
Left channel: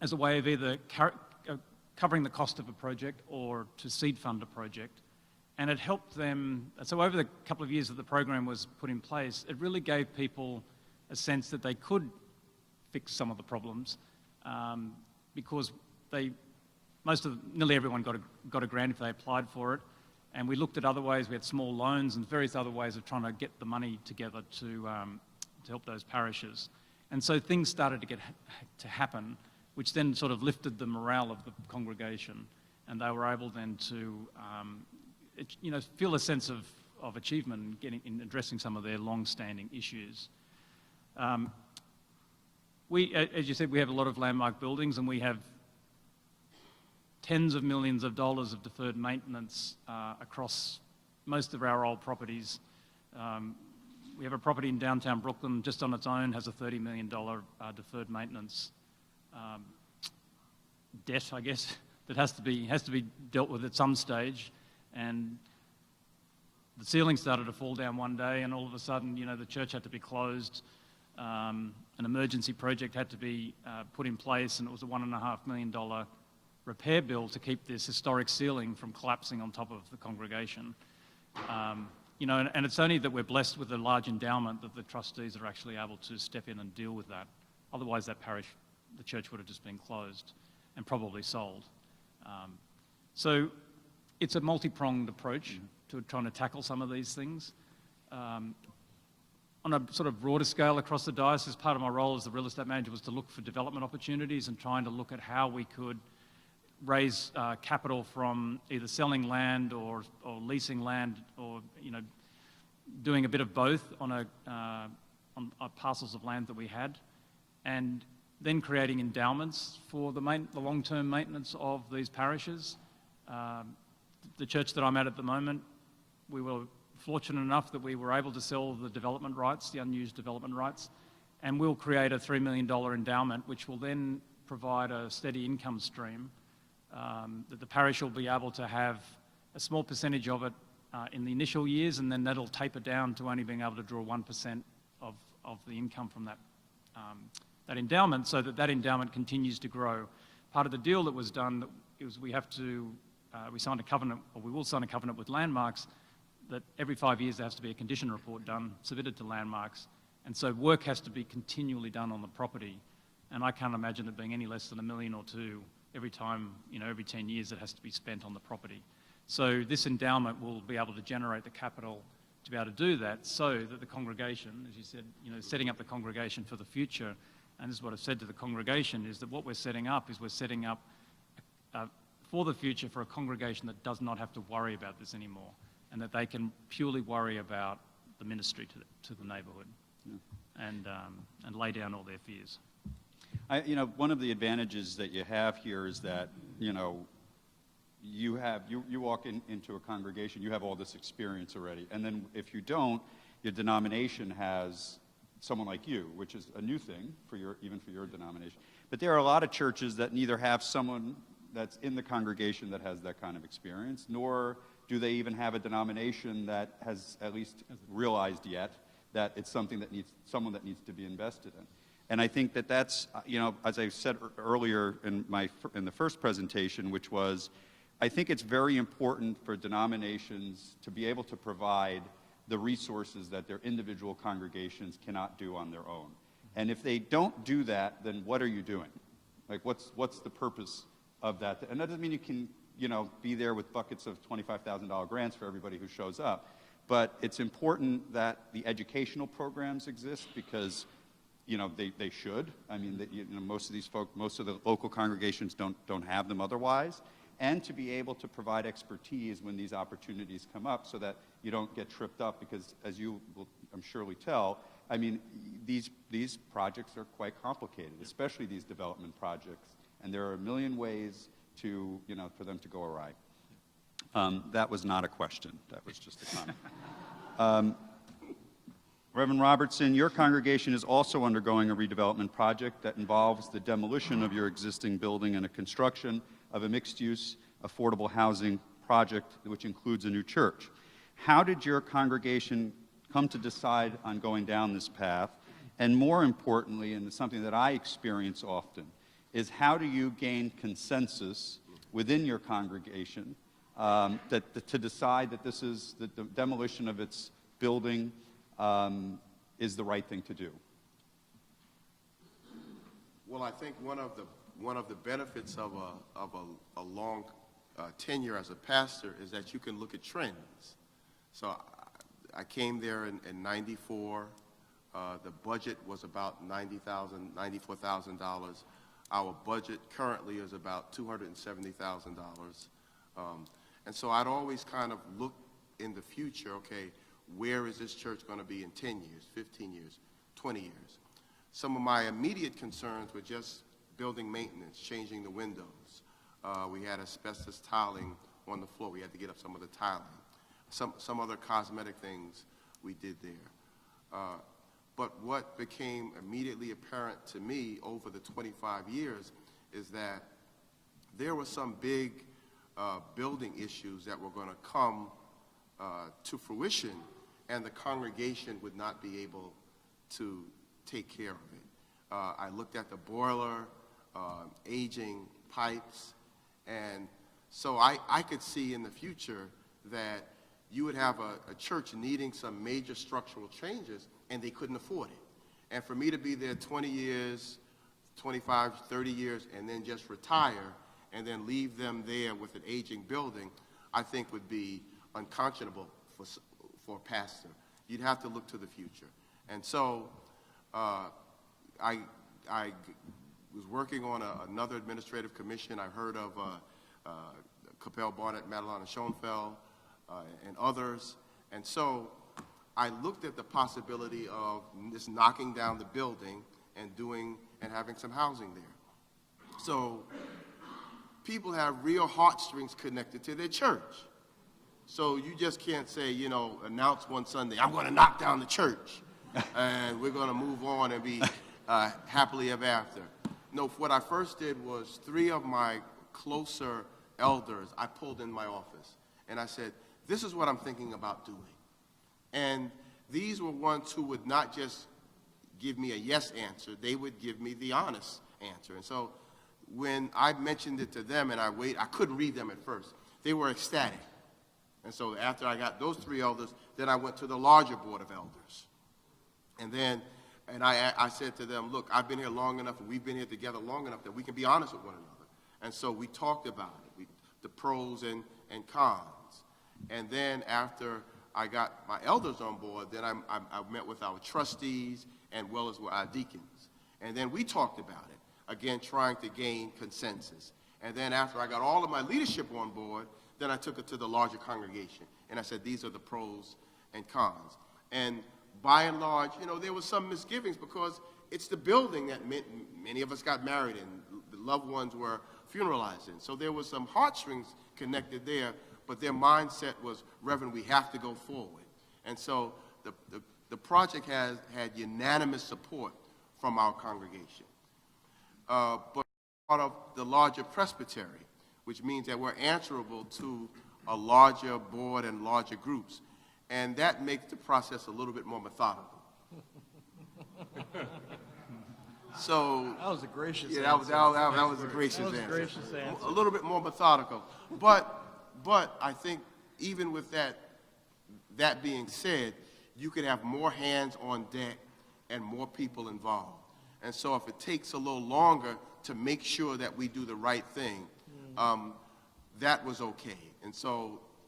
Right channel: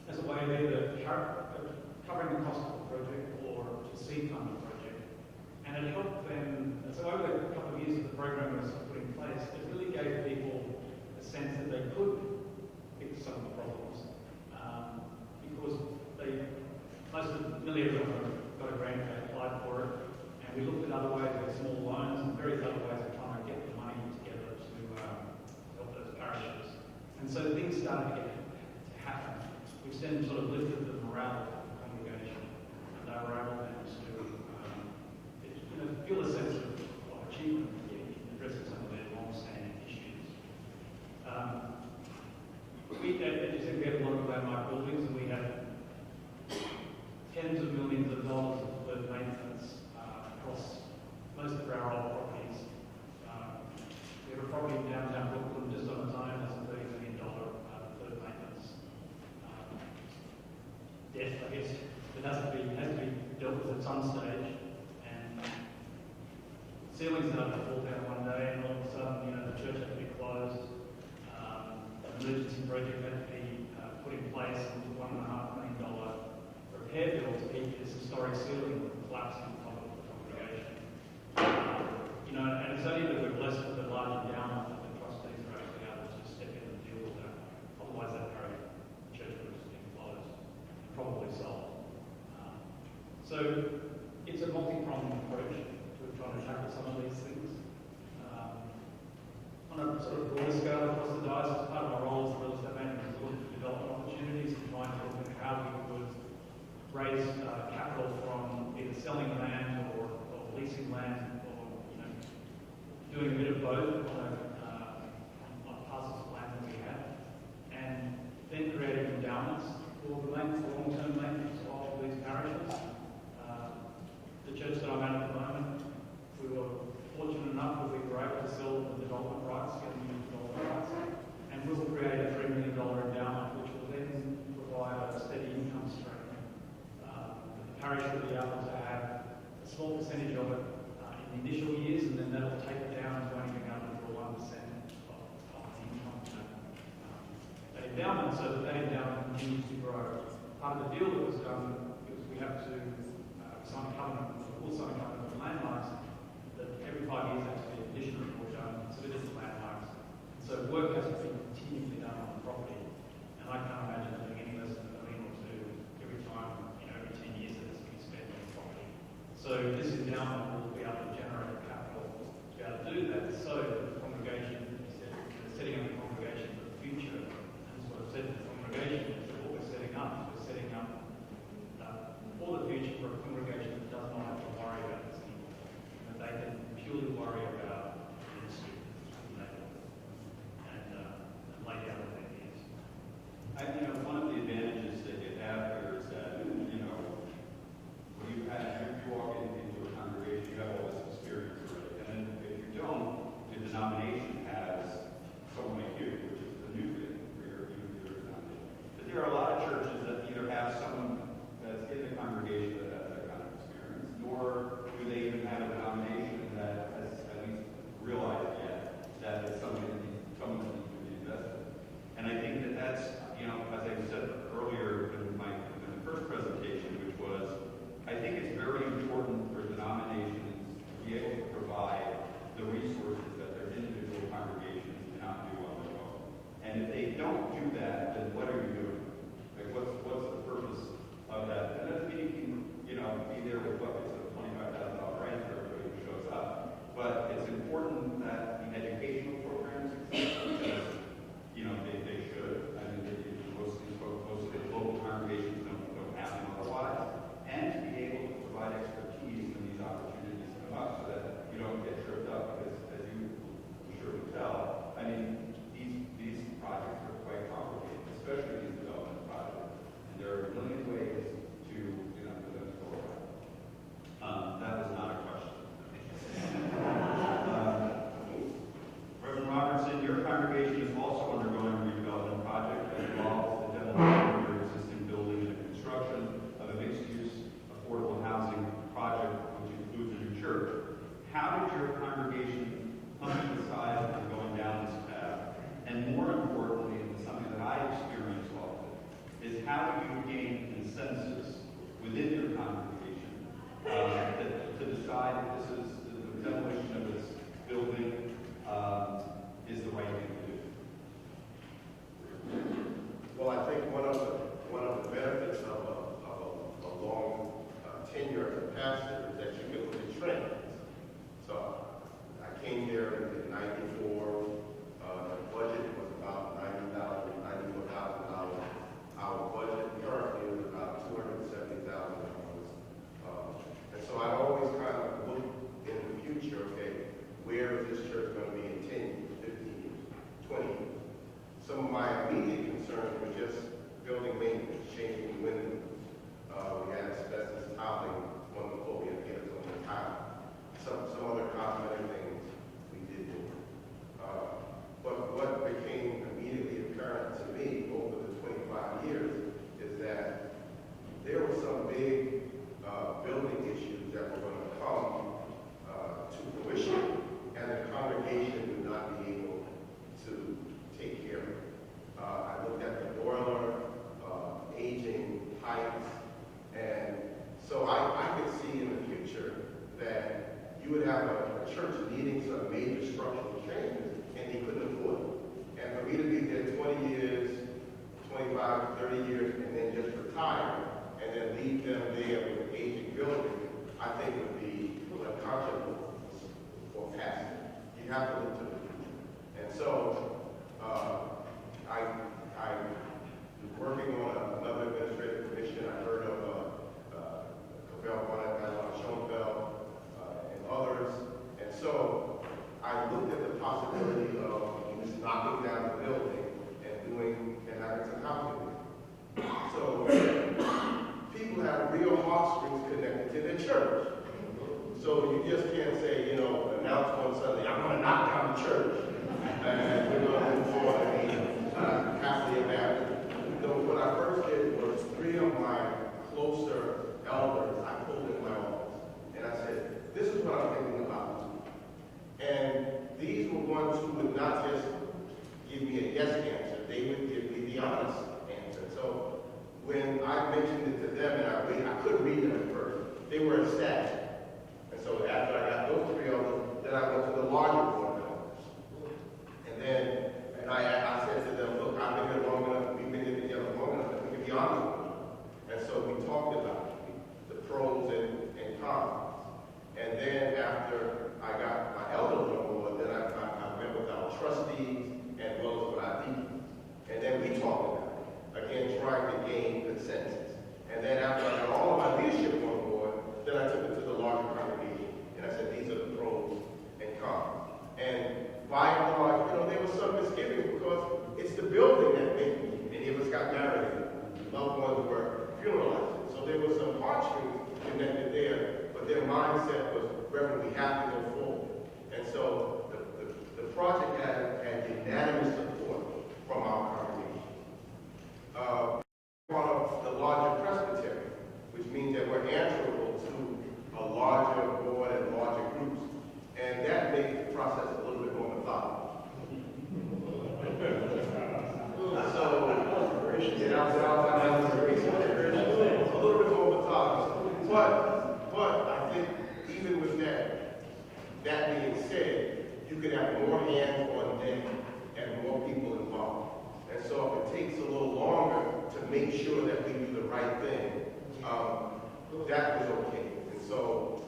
as a way of either covering the cost of a project or to seed fund a project. And it helped them. So over the couple of years that the program was put in place, it really gave people a sense that they could fix some of the problems because nearly everyone got a grant if they applied for it. And we looked at other ways. We had small loans and various other ways of trying to get the money together to help those parishes. And so things started to happen, which then sort of lifted the morale of the congregation, and they were able then to feel a sense of achievement in addressing some of their long-standing issues. As you said, we have a lot of landmark buildings, and we have tens of millions of dollars of deferred maintenance across most of our old properties. We have a property in downtown Brooklyn, just on its own, has a $30 million deferred maintenance debt, I guess. It has to be dealt with at some stage, and ceiling started to fall down one day, and all of a sudden, the church had to be closed. An emergency project had to be put in place, and it was a $1.5 million repair bill to keep this historic ceiling from collapsing on top of the congregation. And it's only that we're blessed with a large endowment that the trustees are actually able to step in and deal with that. Otherwise, that parish, the church would have just been closed and probably sold. So it's a multi-pronged approach to trying to tackle some of these things. On a sort of broader scale across the diocese, part of my role as the real estate manager was to look for development opportunities and trying to look at how we could raise capital from either selling land or leasing land, or doing a bit of both on parcels of land that we had, and then creating endowments for the long-term maintenance of these parishes. The church that I'm at the moment, we were fortunate enough that we were able to sell the development rights, the unused development rights, and we'll create a $3 million endowment, which will then provide a steady income stream. That the parish will be able to have a small percentage of it in the initial years, and then that'll taper down to only being able to draw 1% of the income from that endowment, so that endowment continues to grow. Part of the deal that was done was we signed a covenant, or we will sign a covenant with Landmarks, that every 5 years there has to be a condition report done, submitted to Landmarks, and so work has to be continually done on the property. And I can't imagine it being any less than $1 million or $2 million every time, every 10 years it has to be spent on the property. So this endowment will be able to generate the capital to be able to do that, so that the congregation, as you said, setting up the congregation for the future. And this is what I've said to the congregation, is that what we're setting up for the future for a congregation that does not have to worry about this anymore, and that they can purely worry about the ministry to the neighbourhood and lay down all their fears. One of the advantages that you have here is that, you walk into a congregation, you have all this experience already. And then if you don't, your denomination has someone like you, which is a new thing even for your denomination. But there are a lot of churches that neither have someone that's in the congregation that has that kind of experience, nor do they even have a denomination that has at least realized yet that it's someone that needs to be invested in. And I think that's, as I said earlier in the first presentation, which was, I think it's very important for denominations to be able to provide the resources that their individual congregations cannot do on their own. And if they don't do that, then what are you doing? Like, what's the purpose of that? And that doesn't mean you can, be there with buckets of $25,000 grants for everybody who shows up. But it's important that the educational programs exist, because, they should. I mean, most of the local congregations don't have them otherwise. And to be able to provide expertise when these opportunities come up, so that you don't get tripped up, because as you will, I'm surely tell, I mean, these projects are quite complicated, especially these development projects. And there are a million ways to, for them to go awry. That was not a question. That was just a comment. Reverend Robertson, your congregation is also undergoing a redevelopment project that involves the demolition of your existing building and the construction of a mixed-use affordable housing project, which includes a new church. How did your congregation come to decide on going down this path? And more importantly, and something that I experience often, is how do you gain consensus within your congregation to decide that this is the demolition of its building is the right thing to do? Well, I think one of the benefits of a long tenure as a pastor is that you can look at trends. So I came there in '94. The budget was about $94,000. Our budget currently is about $270,000. And so I'd always kind of look in the future, okay, where is this church going to be in 10 years, 15 years, 20 years? Some of my immediate concerns were just building maintenance, changing the windows. We had asbestos tiling on the floor. We had to get up some of the tiling. Some other cosmetic things we did there. But what became immediately apparent to me over the 25 years is that there were some big building issues that were going to come to fruition, and the congregation would not be able to take care of it. I looked at the boiler, aging pipes, and so I could see in the future that you would have a church needing some major structural changes, and they couldn't afford it. And for me to be there 20 years, 25 to 30 years, and then just retire, and then leave them there with an aging building, I think would be unconscionable for a pastor. You'd have to look to the future. And so I was working on another administrative commission. I heard of Capel Barnett, Madeline Schoenfeld, and others. And so I looked at the possibility of just knocking down the building and having some housing there. So people have real heartstrings connected to their church. So you just can't say, announce one Sunday, I'm going to knock down the church, and we're going to move on and be happily ever after. No, what I first did was 3 of my closer elders I pulled in my office, and I said, this is what I'm thinking about doing. And these were ones who would not just give me a yes answer, they would give me the honest answer. So when I mentioned it to them and I couldn't read them at first. They were ecstatic. And so after I got those 3 elders, then I went to the larger board of elders. And I said to them, look, I've been here long enough, and we've been here together long enough that we can be honest with one another. And so we talked about the pros and cons. And then after I got my elders on board, then I met with our trustees and well as with our deacons. And then we talked about it, again, trying to gain consensus. And then after I got all of my leadership on board, then I took it to the larger congregation. And I said, these are the pros and cons. And by and large, there were some misgivings because it's the building that many of us got married in. The loved ones were funeralizing. So there were some heartstrings connected there, but their mindset was, Reverend, we have to go forward. And so the project had unanimous support from our congregation. But part of the larger presbytery, which means that we're answerable to a larger board and larger groups. And that makes the process a little bit more methodical. So, that was a gracious answer. A little bit more methodical. But I think even with that being said, you could have more hands on deck and more people involved. And so if it takes a little longer to make sure that we do the right thing, that was okay. And so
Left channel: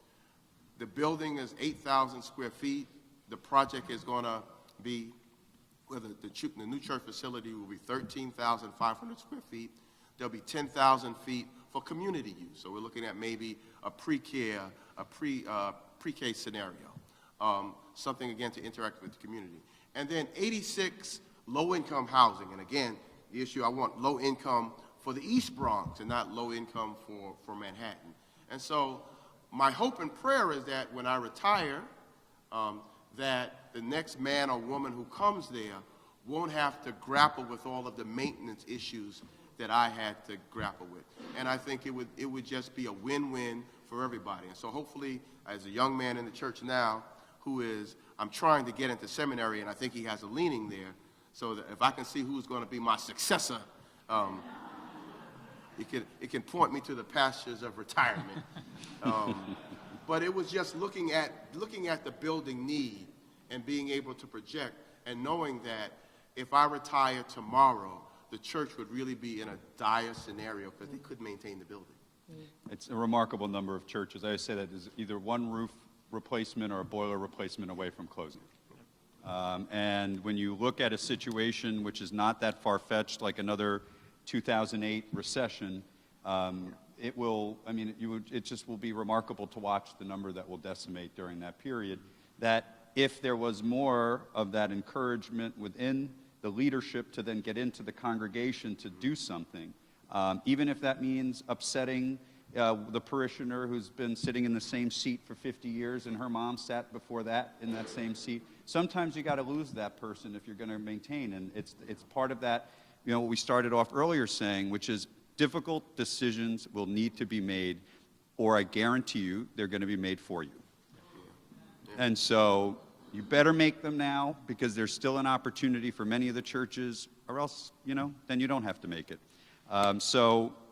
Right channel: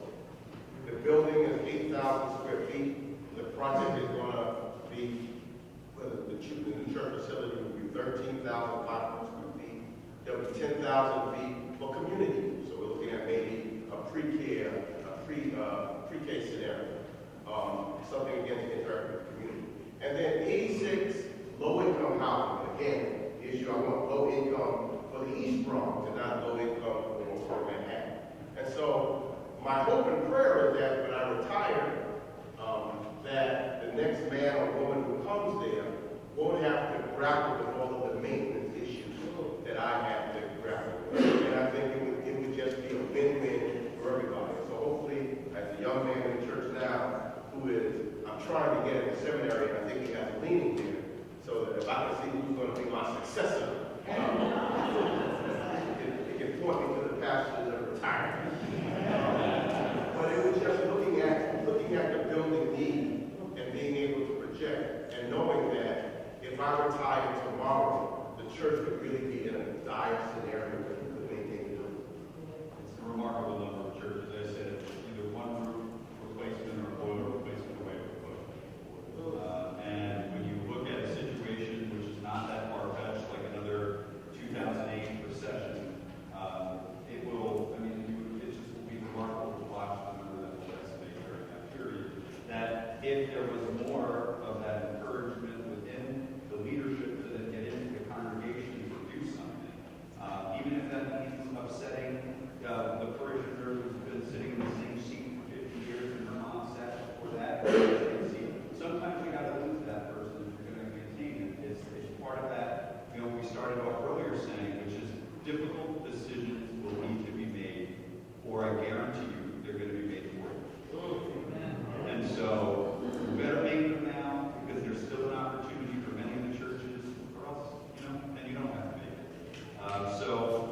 the building is 8,000 square feet. The project is going to be, the new church facility will be 13,500 square feet. There'll be 10,000 feet for community use. So we're looking at maybe a pre-K scenario, something again to interact with the community. And then 86 low-income housing. And again, the issue, I want low income for the East Bronx and not low income for Manhattan. And so my hope and prayer is that when I retire, that the next man or woman who comes there won't have to grapple with all of the maintenance issues that I had to grapple with. And I think it would just be a win-win for everybody. So hopefully, as a young man in the church now, I'm trying to get into seminary, and I think he has a leaning there, so that if I can see who's going to be my successor, it can point me to the pastures of retirement. But it was just looking at the building need and being able to project and knowing that if I retire tomorrow, the church would really be in a dire scenario where they couldn't maintain the building. It's a remarkable number of churches. I say that is either one roof replacement or a boiler replacement away from closing. And when you look at a situation which is not that far-fetched, like another 2008 recession, it just will be remarkable to watch the number that will decimate during that period. That if there was more of that encouragement within the leadership to then get into the congregation to do something, even if that means upsetting the parishioner who's been sitting in the same seat for 50 years and her mom sat before that in the same seat. Sometimes you got to lose that person if you're going to maintain, and it's part of that, what we started off earlier saying, which is difficult decisions will need to be made, or I guarantee you they're going to be made for you. And so we better make them now, because there's still an opportunity for many of the churches, or else, then you don't have to make it. So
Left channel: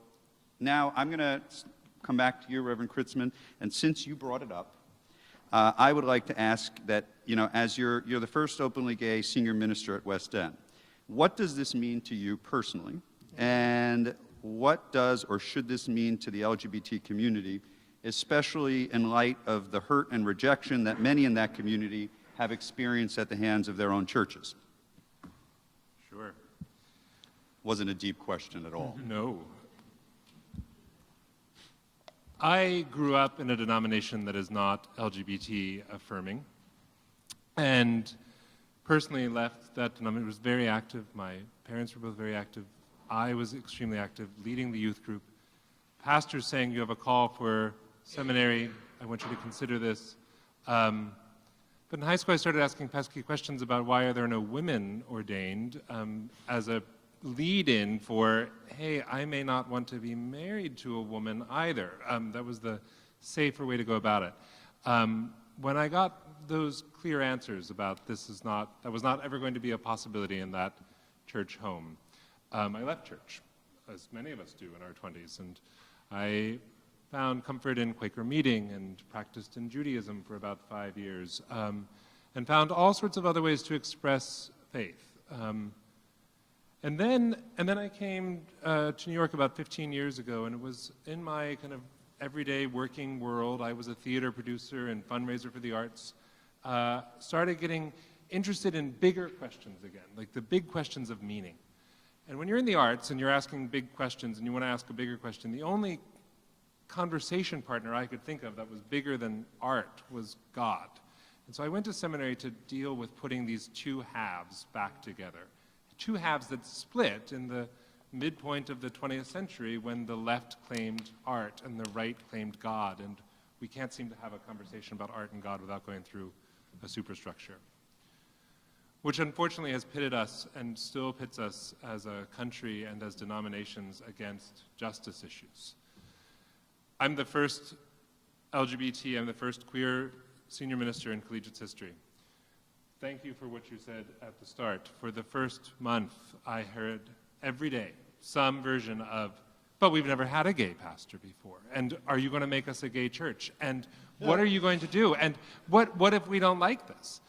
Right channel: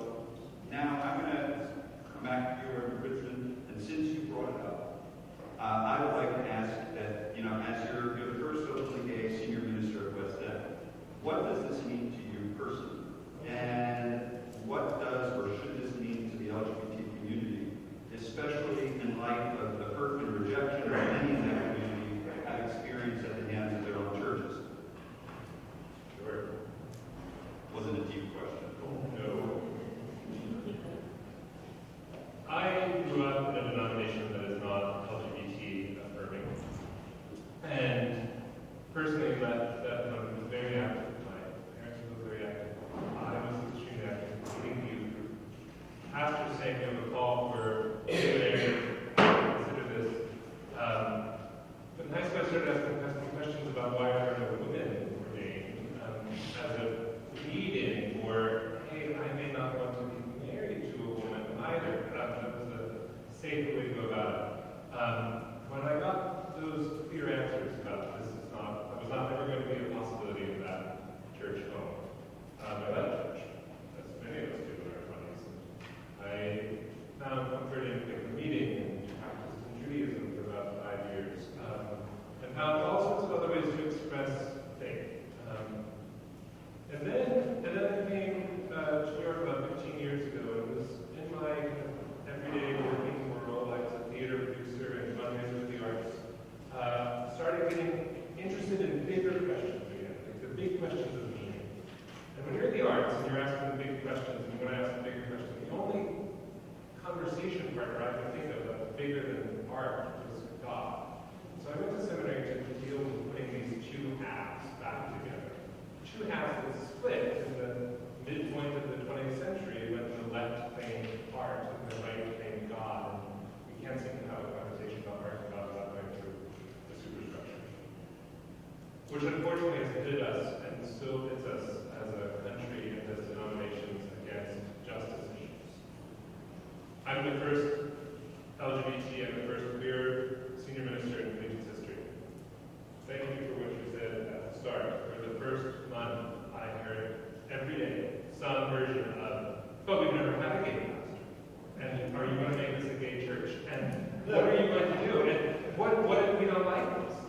now I'm going to come back to you, Reverend Crtitzman, and since you brought it up, I would like to ask that, as you're the first openly gay senior minister at West End, what does this mean to you personally? And what does or should this mean to the LGBT community, especially in light of the hurt and rejection that many in that community have experienced at the hands of their own churches? Sure. Wasn't a deep question at all. No. I grew up in a denomination that is not LGBT affirming, and personally left that denomination. Was very active. My parents were both very active. I was extremely active, leading the youth group. Pastors saying you have a call for seminary, and would you consider this? But in high school I started asking questions about why are there no women ordained, as a lead-in for, hey, I may not want to be married to a woman either. That was the safer way to go about it. When I got those clear answers about that was not ever going to be a possibility in that church home, I left church, as many of us do in our 20s, and I found comfort in Quaker meeting and practiced in Judaism for about 5 years, and found all sorts of other ways to express faith. And then I came to New York about 15 years ago, and it was in my kind of everyday working world. I was a theater producer and fundraiser for the arts. Started getting interested in bigger questions, like the big questions of meaning. And when you're in the arts and you're asking big questions and you want to ask a bigger question, the only conversation partner I could think of that was bigger than art was God. So I went to seminary to deal with putting these two halves back together. Two halves that split in the midpoint of the 20th century when the left claimed art and the right claimed God. And we can't seem to have a conversation about art and God without going through a superstructure, which unfortunately has pitted us and still pits us as a country and as denominations against justice issues. I'm the first LGBT and the first queer senior minister in collegiate history. Thank you for what you said at the start. For the first month, I heard every day some version of, but we've never had a gay pastor before. And are you going to make us a gay church? And what are you going to do? And what if we don't like this?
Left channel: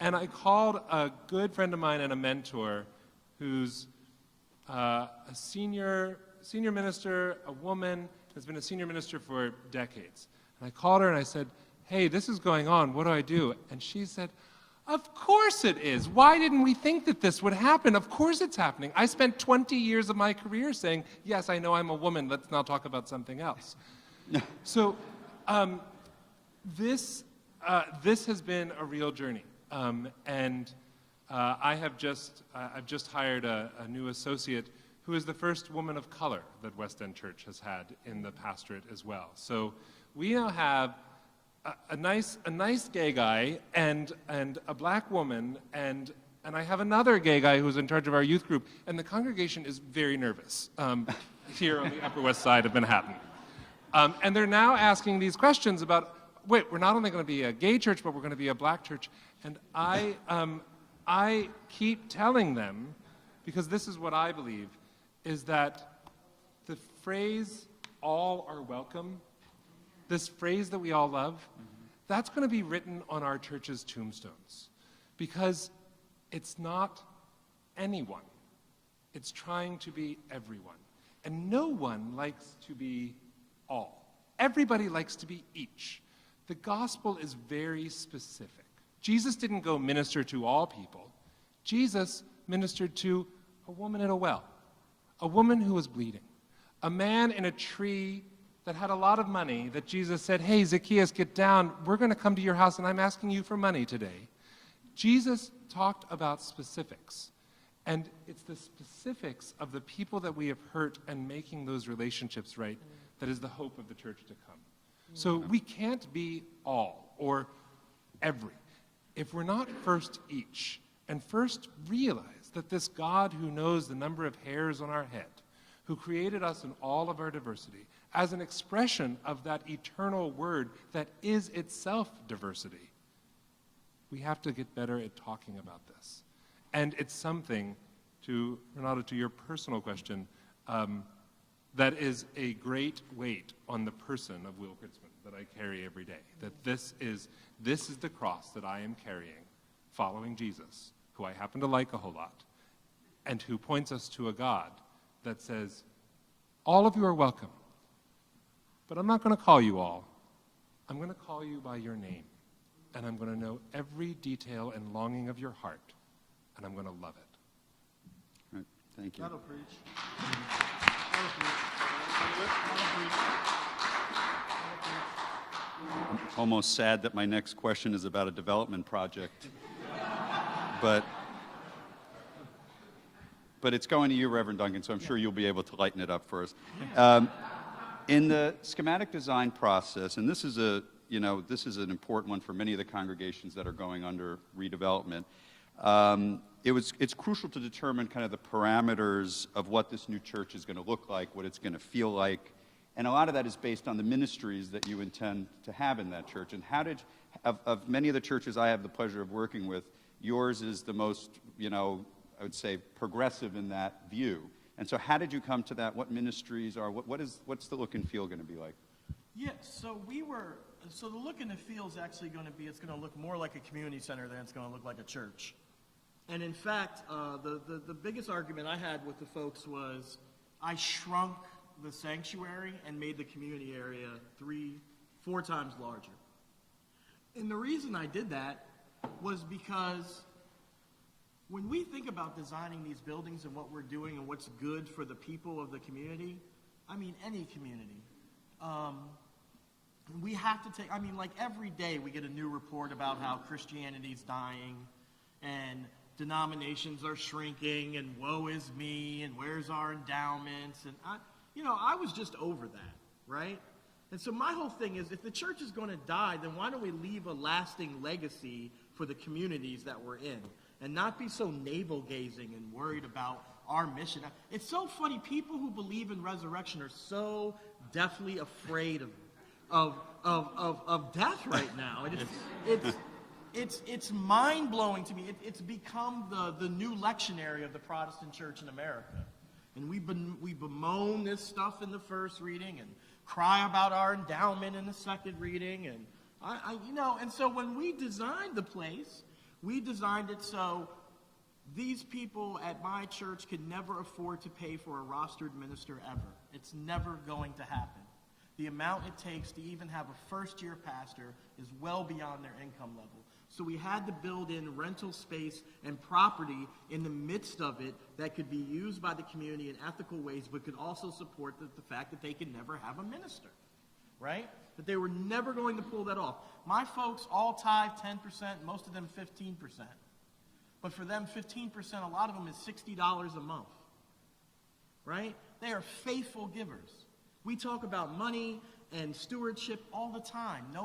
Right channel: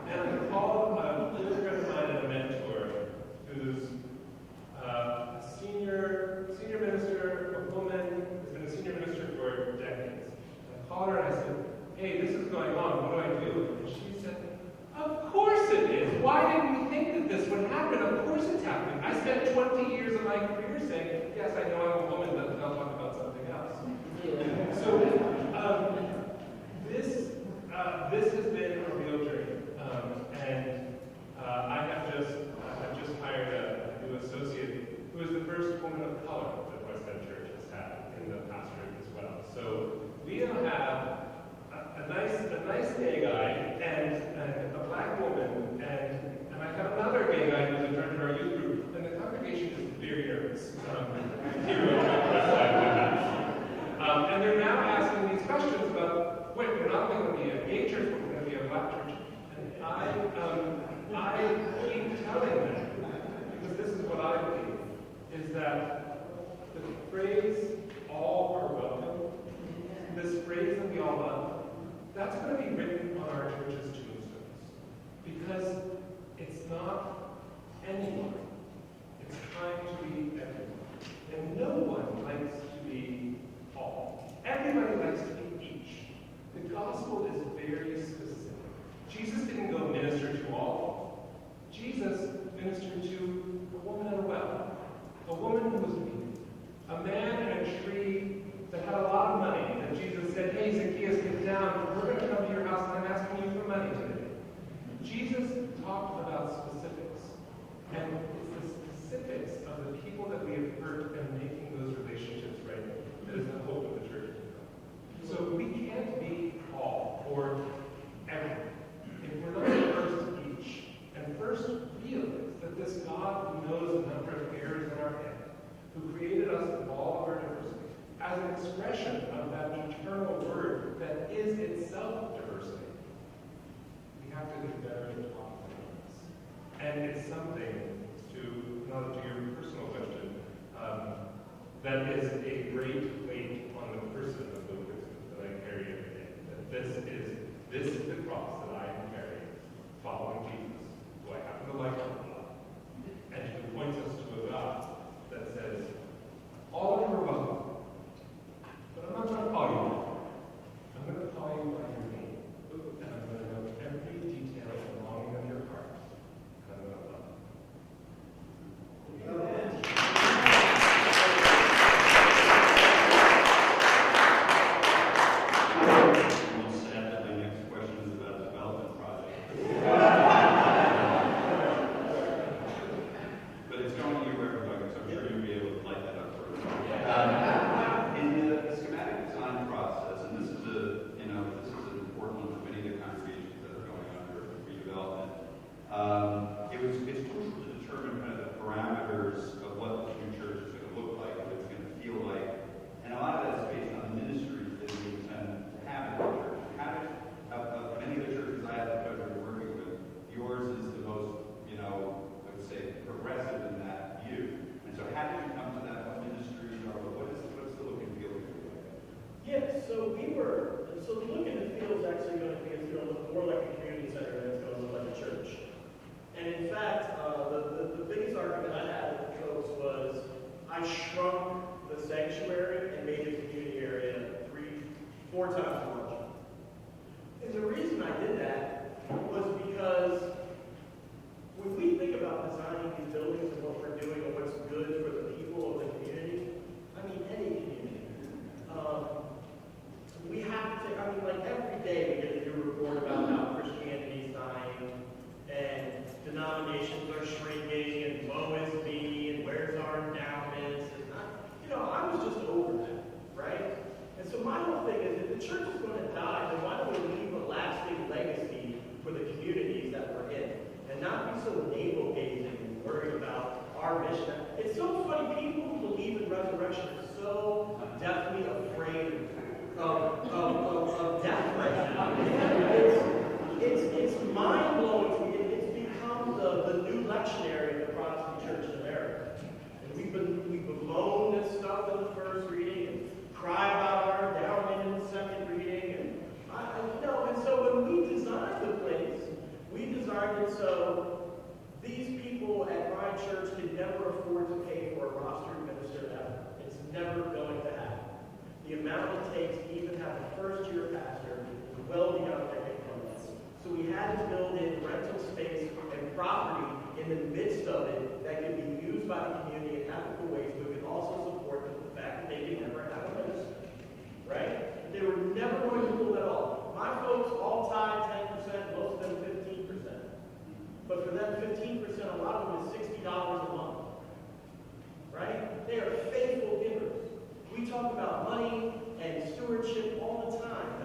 And I called a good friend of mine and a mentor who's a senior minister, a woman, has been a senior minister for decades. And I called her and I said, hey, this is going on, what do I do? And she said, of course it is. Why didn't we think that this would happen? Of course it's happening. I spent 20 years of my career saying, yes, I know I'm a woman, let's now talk about something else. So this has been a real journey. I have just hired a new associate who is the first woman of color that West End Church has had in the pastorate as well. So we now have a nice gay guy and a black woman and I have another gay guy who's in charge of our youth group, and the congregation is very nervous here in the West Side of Manhattan. And they're now asking these questions about, wait, we're not only going to be a gay church, but we're going to be a black church. And I keep telling them, because this is what I believe, is that the phrase, all are welcome, this phrase that we all love, that's going to be written on our church's tombstones. Because it's not anyone, it's trying to be everyone. And no one likes to be all. Everybody likes to be each. The gospel is very specific. Jesus didn't go minister to all people. Jesus ministered to a woman in a well, a woman who was bleeding, a man in a tree that had a lot of money that Jesus said, hey, Zacchaeus, get down. We're going to come to your house and I'm asking you for money today. Jesus talked about specifics. And it's the specifics of the people that we have hurt and making those relationships right that is the hope of the church. So we can't be all or everyone if we're not first each, and first realize that this God who knows the number of hairs on our head, who created us in all of our diversity, as an expression of that eternal word that is itself diversity, We have to get better at talking about this. And it's something, Renato, to your personal question, that is a great weight on the person of William Crtitzman that I carry every day. That this is the cross that I am carrying, following Jesus, who I happen to like a whole lot, and who points us to a God that says, all of you are welcome, but I'm not going to call you all. I'm going to call you by your name, and I'm going to know every detail and longing of your heart, and I'm going to love it. Thank you. Almost sad that my next question is about a development project. But it's going to you, Reverend Duncan, so I'm sure you'll be able to lighten it up for us. In the schematic design process, and this is an important one for many of the congregations that are going under redevelopment. It's crucial to determine kind of the parameters of what this new church is going to look like, what it's going to feel like, and a lot of that is based on the ministries that you intend to have in that church. And how did, of many of the churches I have the pleasure of working with, yours is the most, I would say, progressive in that view. And so how did you come to that? What ministries are, what's the look and feel going to be like? Yeah, so the look and feel is actually going to look more like a community center than it's going to look like a church. And in fact, the biggest argument I had with the folks was I shrunk the sanctuary and made the community area 3-4 times larger. And the reason I did that was because when we think about designing these buildings and what we're doing and what's good for the people of the community, I mean, any community, we have to take, every day we get a new report about how Christianity's dying and denominations are shrinking and woe is me and where's our endowments. And I was just over that, right? And so my whole thing is, if the church is going to die, then why don't we leave a lasting legacy for the communities that we're in? And not be so navel-gazing and worried about our mission. It's so funny, people who believe in resurrection are so definitely afraid of death right now. It's mind-blowing to me. It's become the new lectionary of the Protestant Church in America. And we bemoan this stuff in the first reading, and cry about our endowment in the second reading, and and so when we designed the place, we designed it so these people at my church could never afford to pay for a rostered minister ever. It's never going to happen. The amount it takes to even have a first-year pastor is well beyond their income limits. So we had to build in rental space and property in the midst of it that could be used by the community in ethical ways, but could also support the fact that they could never have a minister, right? They were never going to rule at all. My folks all tied 10%, most of them 15%. But for them, 15%, a lot of them is $60 a month, right? They are faithful givers. We talk about money and stewardship all the time. No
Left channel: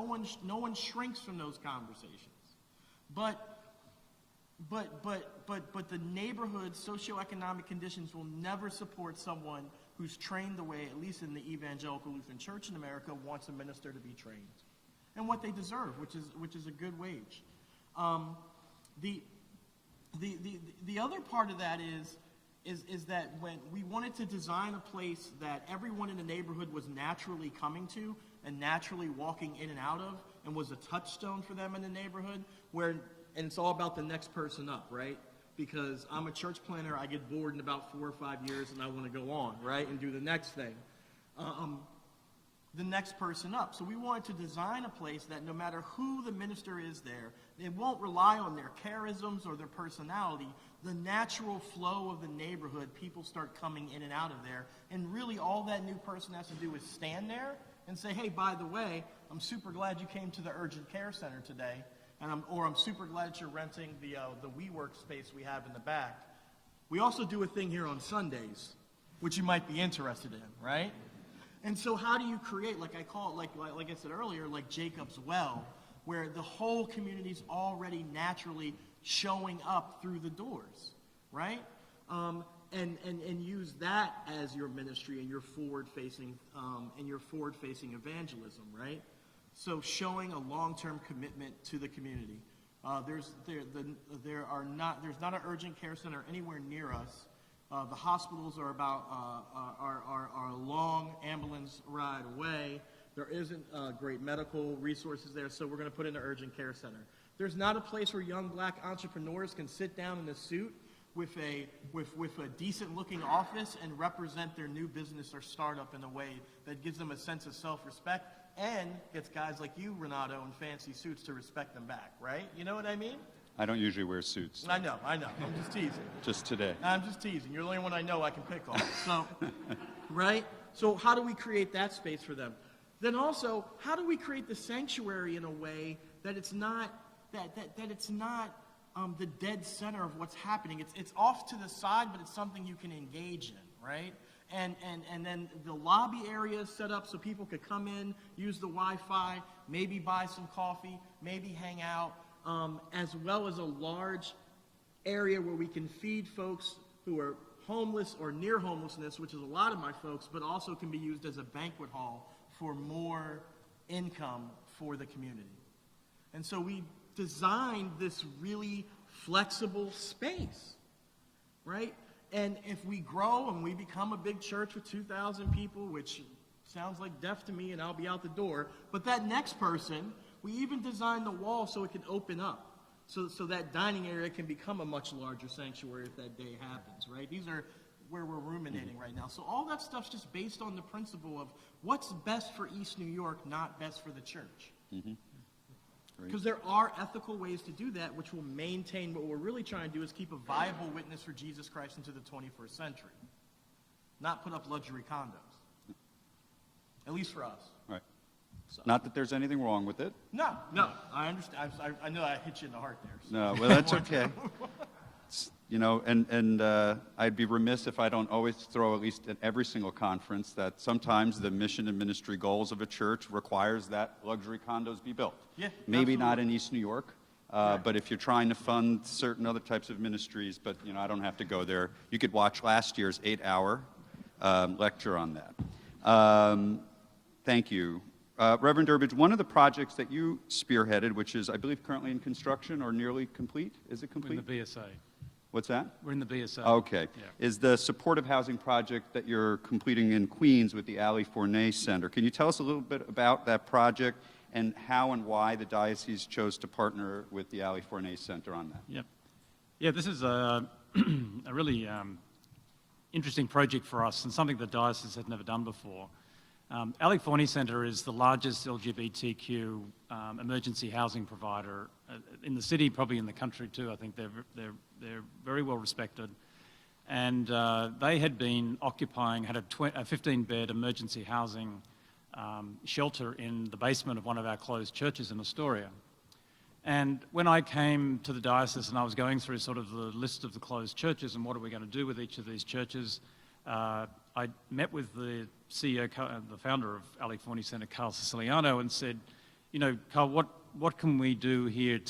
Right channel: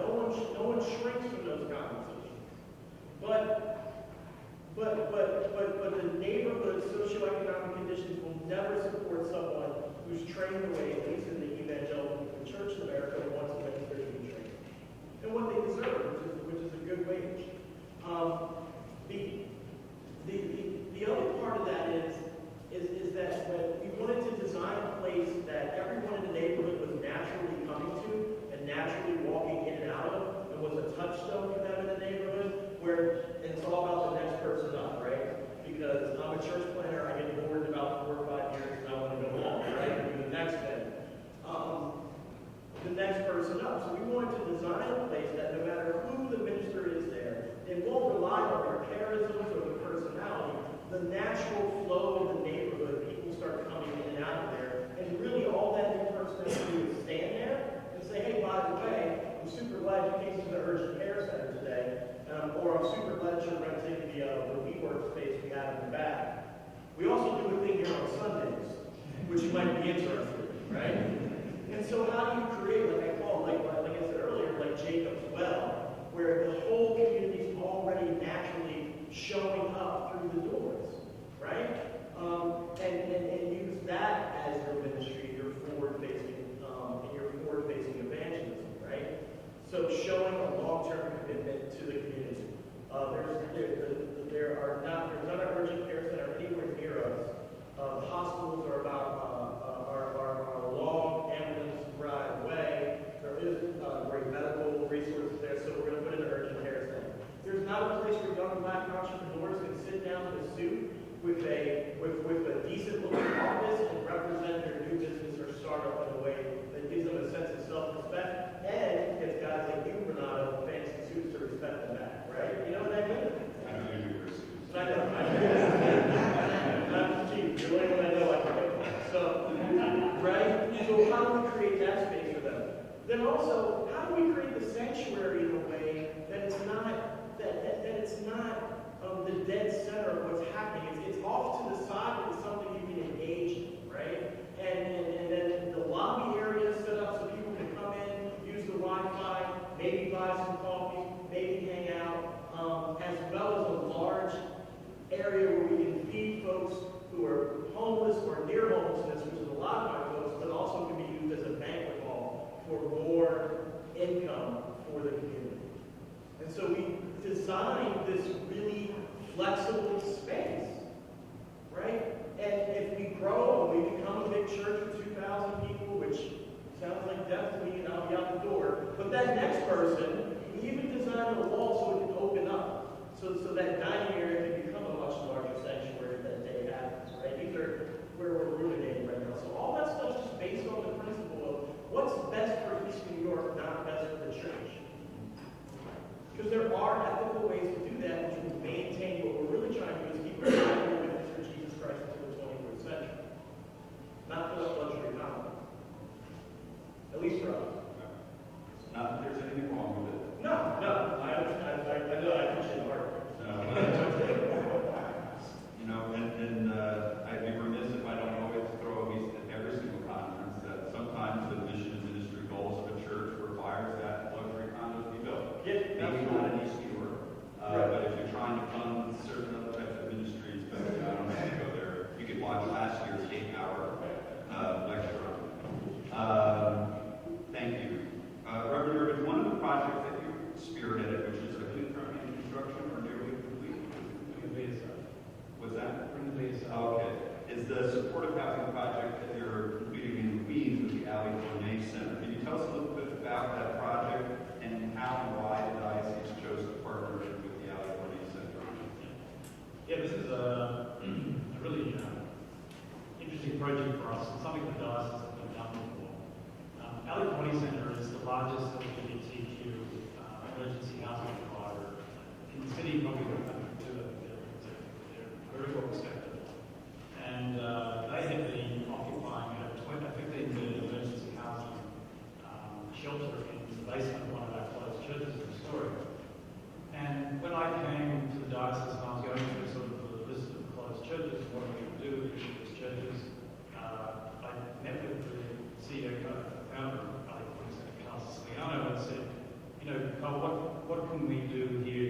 one shrinks from those conversations. But the neighborhood socioeconomic conditions will never support someone who's trained the way, at least in the evangelical church in America, who wants to minister to be trained. And what they deserve, which is a good wage. The other part of that is that when we wanted to design a place that everyone in the neighborhood was naturally coming to and naturally walking in and out of, and was a touchstone for them in the neighborhood, and it's all about the next person up, right? Because I'm a church planner, I get bored in about 4 or 5 years and I want to go on, right? And do the next thing. The next person up. So we wanted to design a place that no matter who the minister is there, it won't rely on their charisms or their personality. The natural flow of the neighborhood, people start coming in and out of there, and really all that new person has to do is stand there and say, hey, by the way, I'm super glad you came to the urgent care center today, or I'm super glad you're renting the WeWork space we have in the back. We also do a thing here on Sundays, which you might be interested in, right? And so how do you create, like I call it, like I said earlier, like Jacob's Well, where the whole community is already naturally showing up through the doors, right? And use that as your ministry, your forward-facing evangelism, right? So showing a long-term commitment to the community. not a place where young black entrepreneurs can sit down in a suit with a decent-looking office and represent their new business or startup in a way that gives them a sense of self-respect and gets guys like you, Renato, in fancy suits to respect them back, right? You know what I mean? I don't usually wear suits. I know. Just teasing. Just today. I'm just teasing. You're the only one I know I can break from. So, right? So how do we create that space for them? Then also, how do we create the sanctuary in a way that it's not the dead center of what's happening? It's off to the side, but it's something you can engage in, right? And then the lobby area is set up so people could come in, use the Wi-Fi, maybe buy some coffee, maybe hang out, as well as a large area where we can feed folks who are homeless or near homelessness, which is a lot of my folks, but also can be used as a banquet hall for more income for the community. And so we designed this really flexible space, right? And if we grow and we become a big church with 2,000 people, which sounds like death to me and I'll be out the door, but that next person, we even designed the wall so it can open up, so that dining area can become a much larger sanctuary that day happens, right? These are where we're ruminating right now. So all that stuff's just based on the principle of what's best for East New York, not best for the church. Because there are ethical ways to do that, which will maintain what we're really trying to do is keep a viable witness for Jesus Christ into the 21st century. Not put up luxury condos. At least for us. Right. Not that there's anything wrong with it. No, I understand. I know I put you in the hard way. No, well, that's okay. You know, and I'd be remiss if I don't always throw, at least at every single conference, that sometimes the mission and ministry goals of a church requires that luxury condos be built. Yeah, Maybe not in East New York, but if you're trying to fund certain other types of ministries, but you know, I don't have to go there. You could watch last year's 8-hour lecture on that. Thank you. Reverend Durbidge, one of the projects that you spearheaded, which is, I believe, currently in construction or nearly complete, is it complete? In the BSA. What's that? We're in the BSA. Okay. Is the supportive housing project that you're completing in Queens with the Ali Fournet Center? Can you tell us a little bit about that project and how and why the diocese chose to partner with the Ali Fournet Center on it? Yep. Yeah, this is a really interesting project for us and something the diocese had never done before. Ali Fournet Center is the largest LGBTQ emergency housing provider in the city, probably in the country too. I think they're very well respected. And they had been occupying, had a 15-bed emergency housing shelter in the basement of one of our closed churches in Astoria. And when I came to the diocese and I was going through sort of the list of the closed churches and what are we going to do with each of these churches, I met with the CEO, the founder of Ali Fournet Center, Carl Siciliano, and said, you know, Carl, what can we do here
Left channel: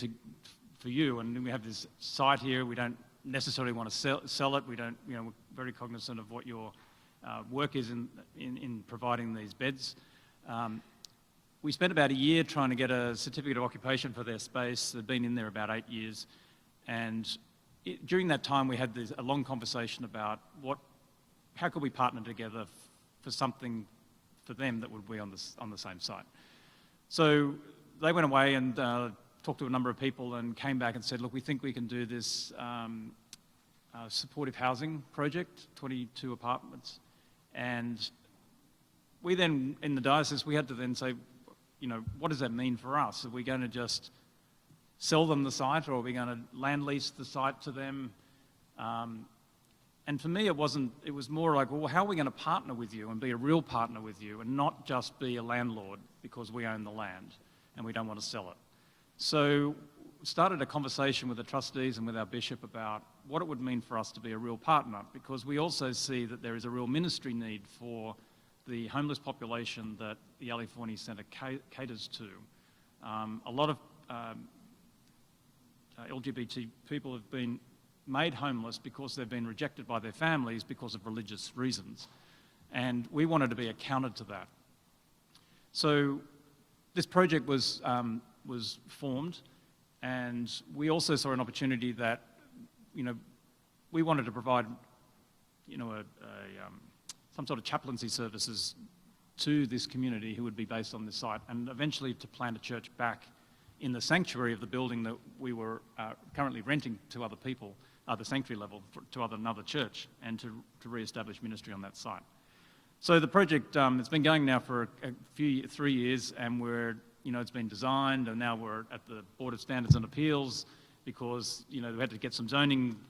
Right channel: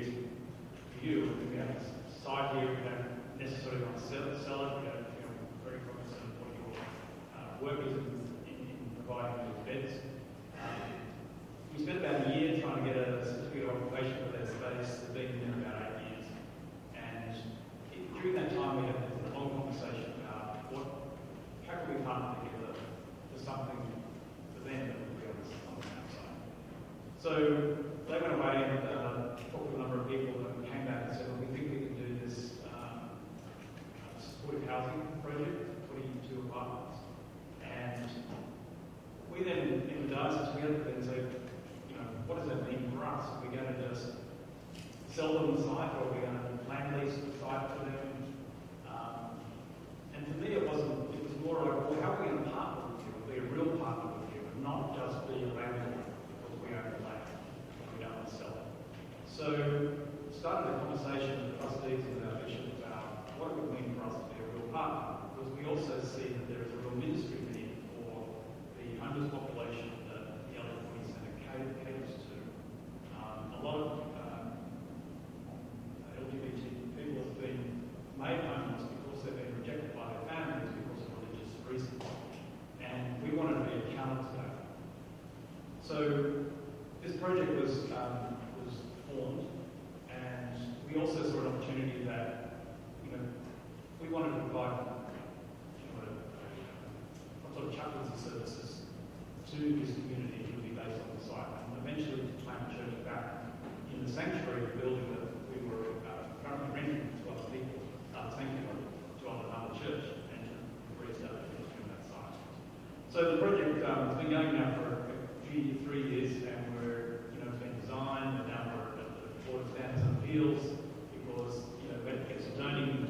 for you? And we have this site here, we don't necessarily want to sell it, we don't, you know, we're very cognizant of what your work is in providing these beds. We spent about a year trying to get a certificate of occupation for their space. They've been in there about 8 years. And during that time, we had a long conversation about how could we partner together for something for them that would be on the same site. So they went away and talked to a number of people and came back and said, look, we think we can do this supportive housing project, 22 apartments. And we then, in the diocese, we had to then say, you know, what does that mean for us? Are we going to just sell them the site, or are we going to land lease the site to them? And for me, it was more like, well, how are we going to partner with you and be a real partner with you and not just be a landlord because we own the land and we don't want to sell it? So started a conversation with the trustees and with our bishop about what it would mean for us to be a real partner, because we also see that there is a real ministry need for the homeless population that the Ali Fournet Center caters to. A lot of LGBT people have been made homeless because they've been rejected by their families because of religious reasons. And we wanted to be a counter to that. So this project was formed, and we also saw an opportunity that, you know, we wanted to provide, you know, some sort of chaplaincy services to this community who would be based on this site, and eventually to plant a church back in the sanctuary of the building that we were currently renting to other people, the sanctuary level, to another church, and to re-establish ministry on that site. So the project, it's been going now for 3 years, and it's been designed, and now we're at the Board of Standards and Appeals, because we had to get some zoning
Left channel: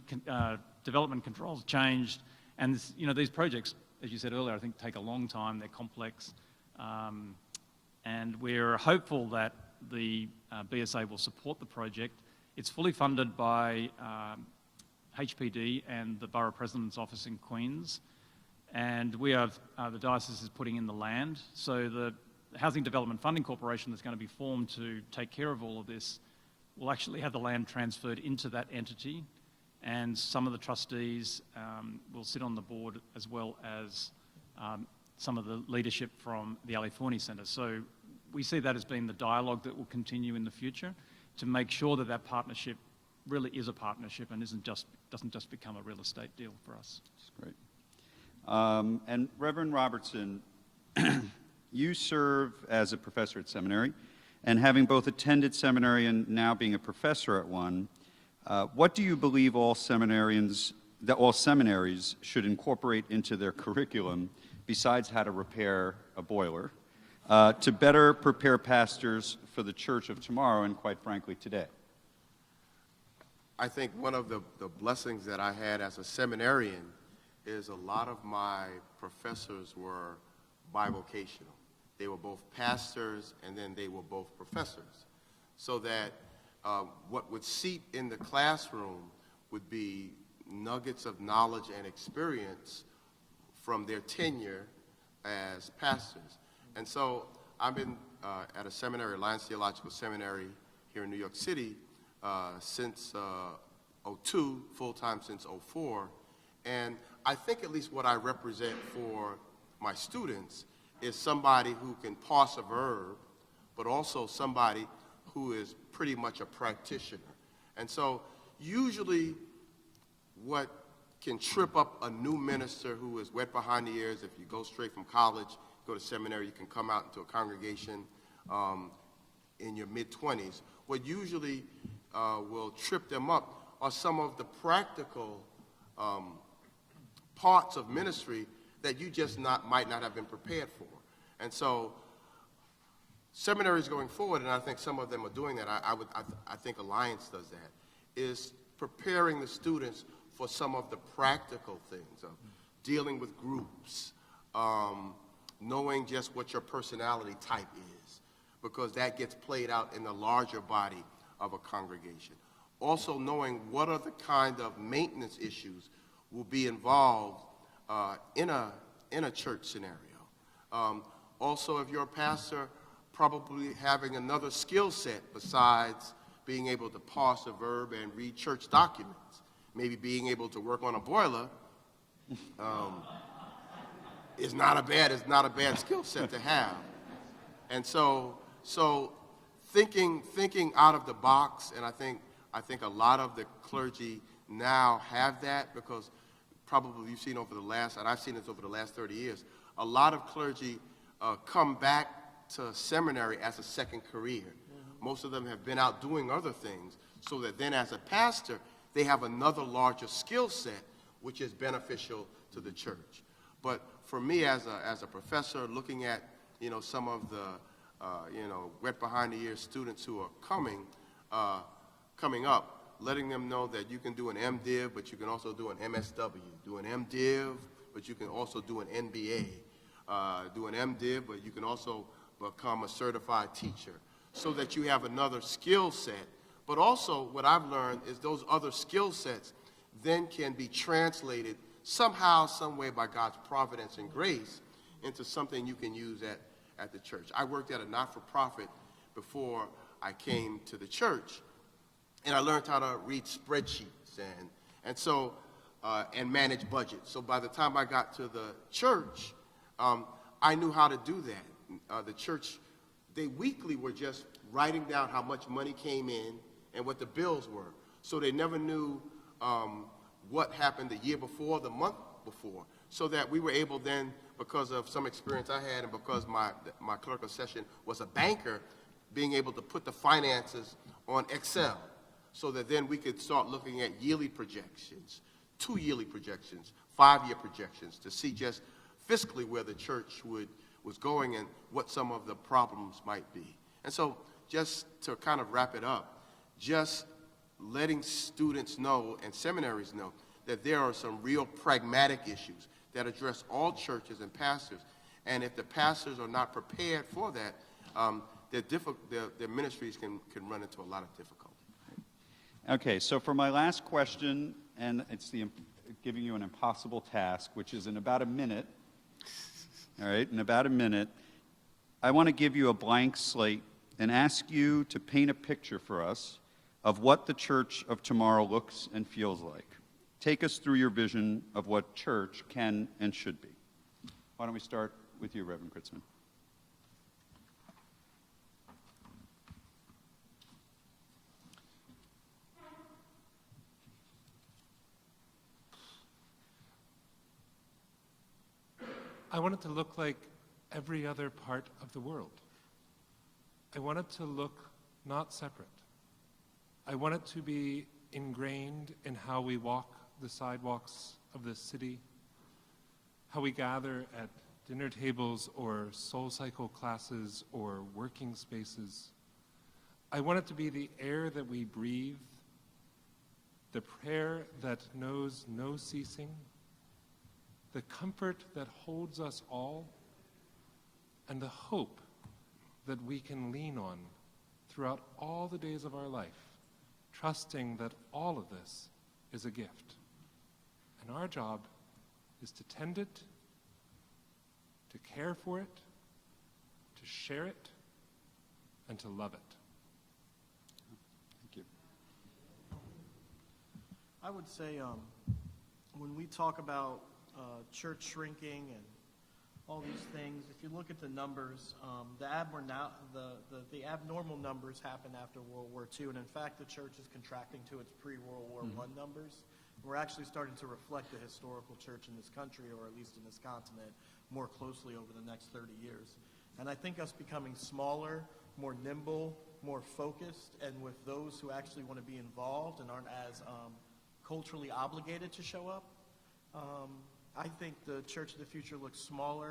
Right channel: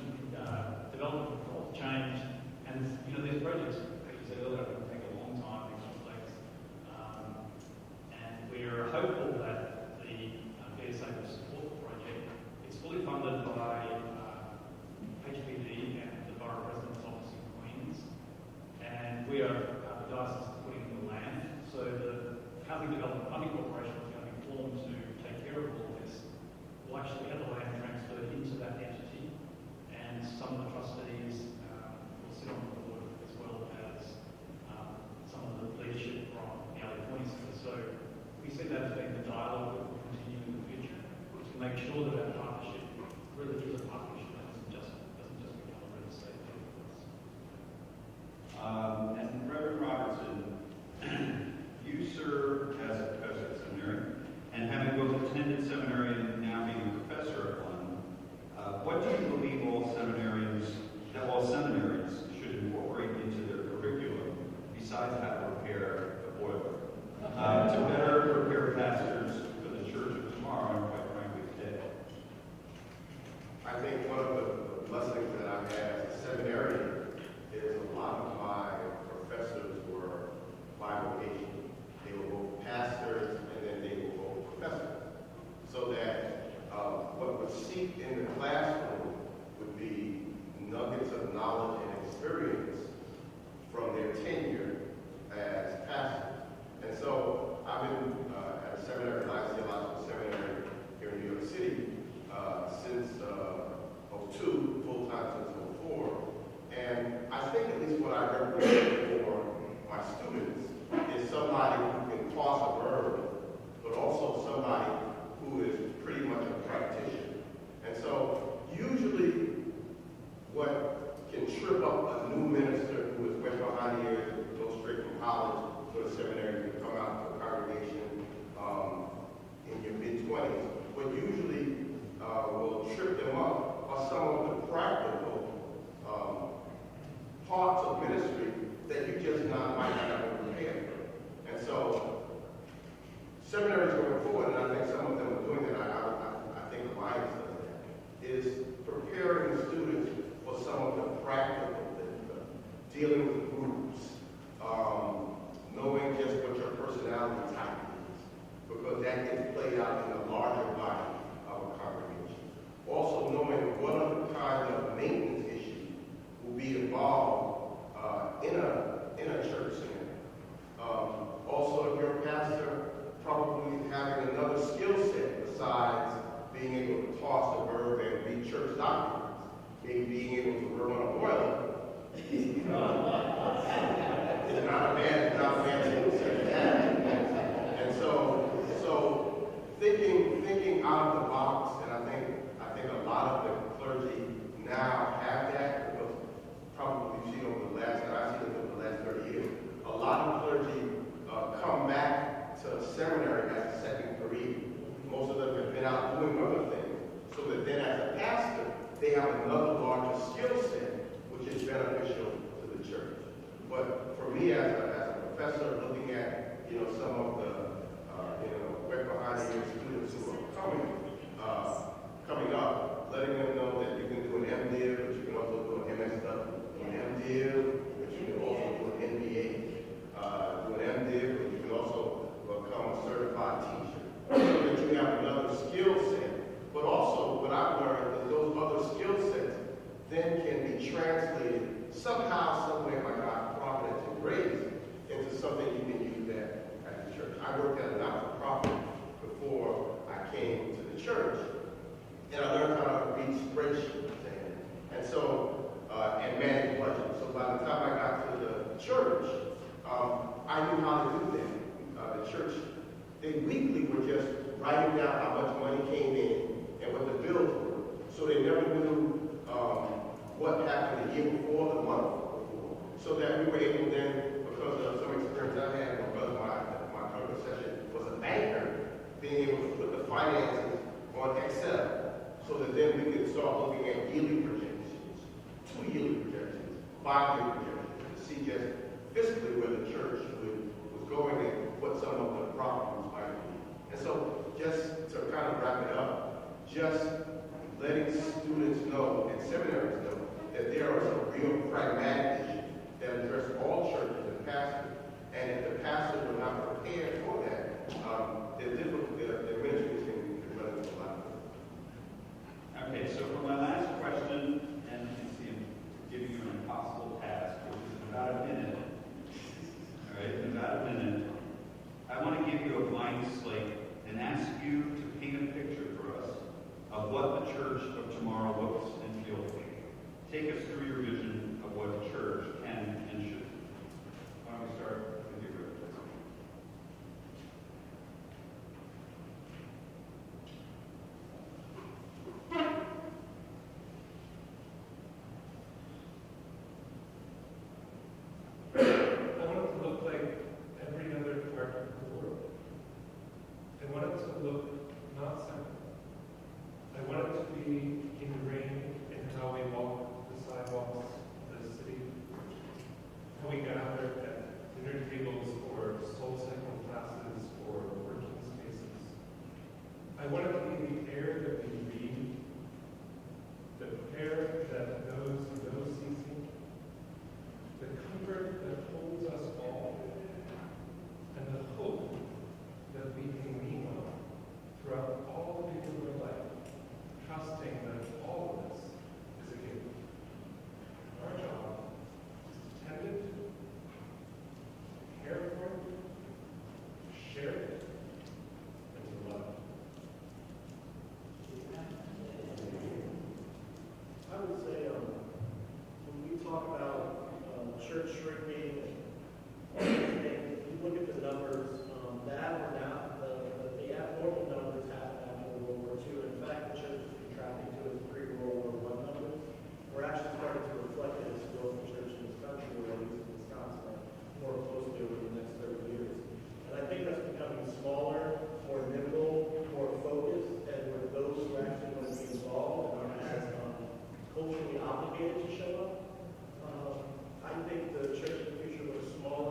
development controls changed, and these projects, as you said earlier, I think take a long time. They're complex, and we're hopeful that the BSA will support the project. It's fully funded by HPD and the Borough President's Office in Queens, and we have the diocese is putting in the land. So the Housing Development Funding Corporation that's going to be formed to take care of all of this will actually have the land transferred into that entity, and some of the trustees will sit on the board, as well as some of the leadership from the Ali Forney Centre. So we see that as being the dialogue that will continue in the future to make sure that that partnership really is a partnership and doesn't just become a real estate deal for us. That's great. And Reverend Robertson, you serve as a professor at seminary, and having both attended seminary and now being a professor at one, what do you believe all seminaries should incorporate into their curriculum besides how to repair a boiler, to better prepare pastors for the church of tomorrow and, quite frankly, today? I think one of the blessings that I had as a seminarian is a lot of my professors were bivocational. They were both pastors and then they were both professors. So that what would seep in the classroom would be nuggets of knowledge and experience from their tenure as pastors. And so I've been at a seminary, Alliance Theological Seminary here in New York City, since 2002, full-time since 2004. And I think at least what I represent for my students is somebody who can parse a verb, but also somebody who is pretty much a practitioner. And so usually what can trip up a new minister who is wet behind the ears, if you go straight from college, go to seminary, you can come out to a congregation in your mid-20s. What usually will trip them up are some of the practical parts of ministry that you just might not have been prepared for. And so seminaries going forward, and I think some of them are doing that, I think Alliance does that, is preparing the students for some of the practical things, dealing with groups, knowing just what your personality type is, because that gets played out in the larger body of a congregation. Also knowing what are the kind of maintenance issues will be involved in a church scenario. Also, if you're a pastor, probably having another skill set besides being able to parse a verb and read church documents, maybe being able to work on a boiler. It's not a bad skill set to have. And so thinking out of the box, and I think a lot of the clergy now have that, because probably you've seen over the last, and I've seen this over the last 30 years, a lot of clergy come back to seminary as a second career. Most of them have been out doing other things, so that then as a pastor, they have another larger skill set, which is beneficial to the church. But for me as a professor, looking at some of the wet behind the ears students who are coming up, letting them know that you can do an MDiv, but you can also do an MSW, do an MDiv, but you can also do an MBA, do an MDiv, but you can also become a certified teacher, so that you have another skill set. But also, what I've learned is those other skill sets then can be translated somehow, some way by God's providence and grace into something you can use at the church. I worked at a not-for-profit before I came to the church, and I learned how to read spreadsheets and manage budgets. So by the time I got to the church, I knew how to do that. The church, they weekly were just writing down how much money came in and what the bills were. So they never knew what happened the year before, the month before. So that we were able then, because of some experience I had, because my clerk of session was a banker, being able to put the finances on Excel so that then we can start looking at yearly projections, 2 yearly projections, 5-year projections to see just fiscally where the church was going and what some of the problems might be. And so just to kind of wrap it up, just letting students know and seminaries know that there are some real pragmatic issues that address all churches and pastors. And if the pastors are not prepared for that, their ministries can run into a lot of difficulty. Okay, so for my last question, and it's giving you an impossible task, which is in about a minute, all right, in about a minute, I want to give you a blank slate and ask you to paint a picture for us of what the church of tomorrow looks and feels like. Take us through your vision of what church can and should be. Why don't we start with you, Reverend Crtitzman? I want it to look like every other part of the world. I want it to look not separate. I want it to be ingrained in how we walk the sidewalks of this city, how we gather at dinner tables or soul cycle classes or working spaces. I want it to be the air that we breathe, the prayer that knows no ceasing, the comfort that holds us all, and the hope that we can lean on throughout all the days of our life, trusting that all of this is a gift. And our job is to tend it, to care for it, to share it, and to love it. I would say when we talk about church shrinking and all these things, if you look at the numbers, the abnormal numbers happened after World War II, and in fact, the church has contracted to its pre-World War I numbers. We're actually starting to reflect the historical church in this country, or at least in this continent, more closely over the next 30 years. And I think us becoming smaller, more nimble, more focused, and with those who actually want to be involved and are as culturally obligated to show up, I think the church in the future looks smaller,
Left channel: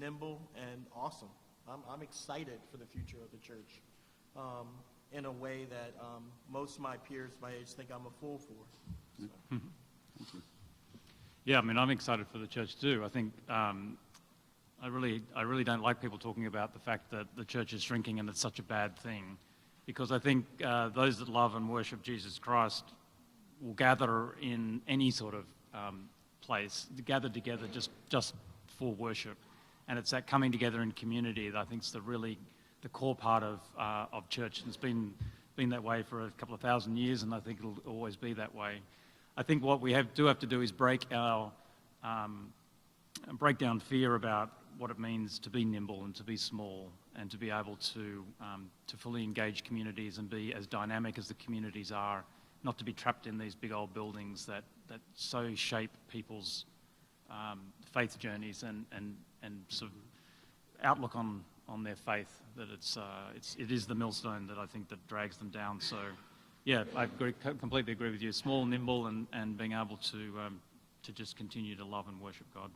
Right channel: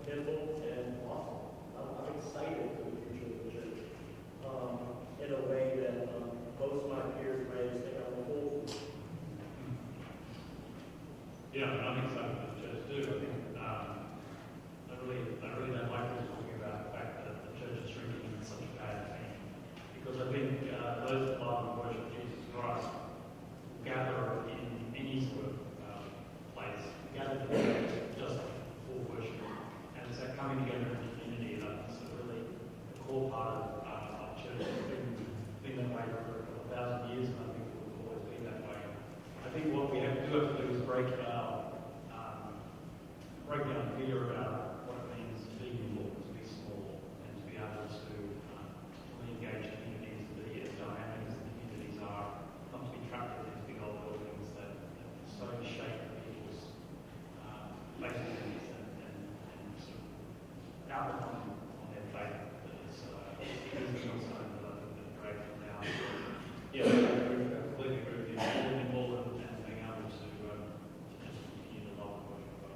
nimble, and awesome. I'm excited for the future of the church in a way that most of my peers may just think I'm a fool. Yeah, I mean, I'm excited for the church too. I think I really don't like people talking about the fact that the church is shrinking and it's such a bad thing, because I think those that love and worship Jesus Christ will gather in any sort of place, gather together just for worship, and it's that coming together in community that I think is the core part of church. It's been that way for a couple of thousand years, and I think it'll always be that way. I think what we do have to do is break down fear about what it means to be nimble and to be small and to be able to fully engage communities and be as dynamic as the communities are, not to be trapped in these big old buildings that so shape people's faith journeys and sort of outlook on their faith, that it is the millstone that I think that drags them down. So yeah, I completely agree with you. Small, nimble, and being able to just continue to love and worship God.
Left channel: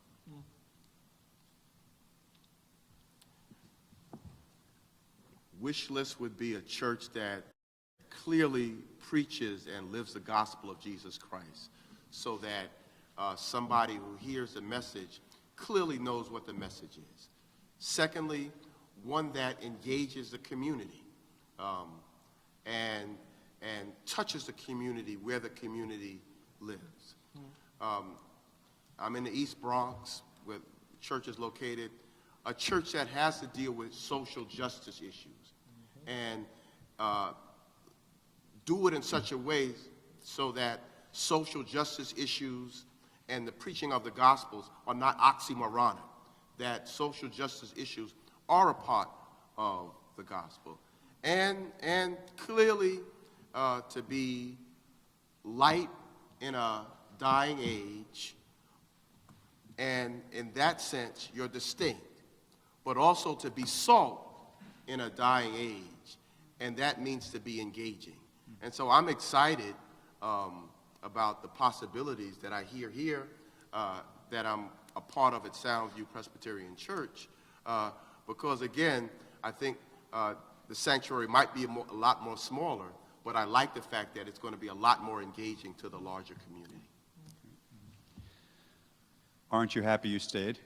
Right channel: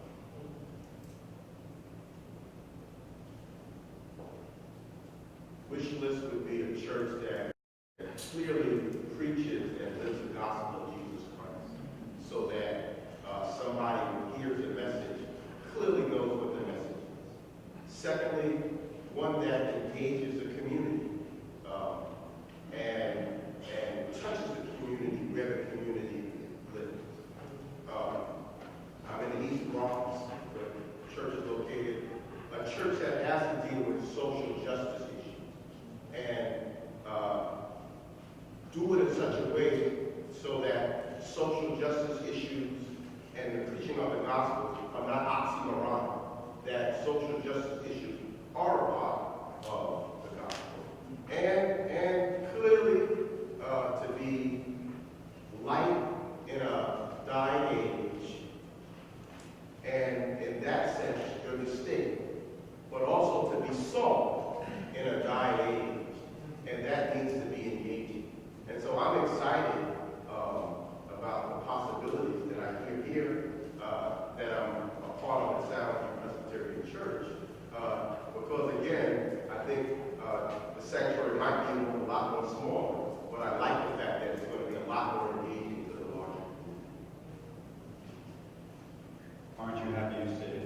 Wish list would be a church that clearly preaches and lives the gospel of Jesus Christ, so that somebody who hears the message clearly knows what the message is. Secondly, one that engages the community and touches the community where the community lives. I'm in the East Bronx, where the church is located, a church that has to deal with social justice issues and do it in such a way so that social justice issues and the preaching of the Gospels are not oxymoronic, that social justice issues are a part of the gospel. And clearly to be light in a dying age, and in that sense you're distinct, but also to be salt in a dying age and that needs to be engaging. And so I'm excited about the possibilities that I hear here, that I'm a part of at Soundview Presbyterian Church, because again, I think the sanctuary might be a lot more smaller, but I like the fact that it's going to be a lot more engaging to the larger community. Aren't you happy you stayed?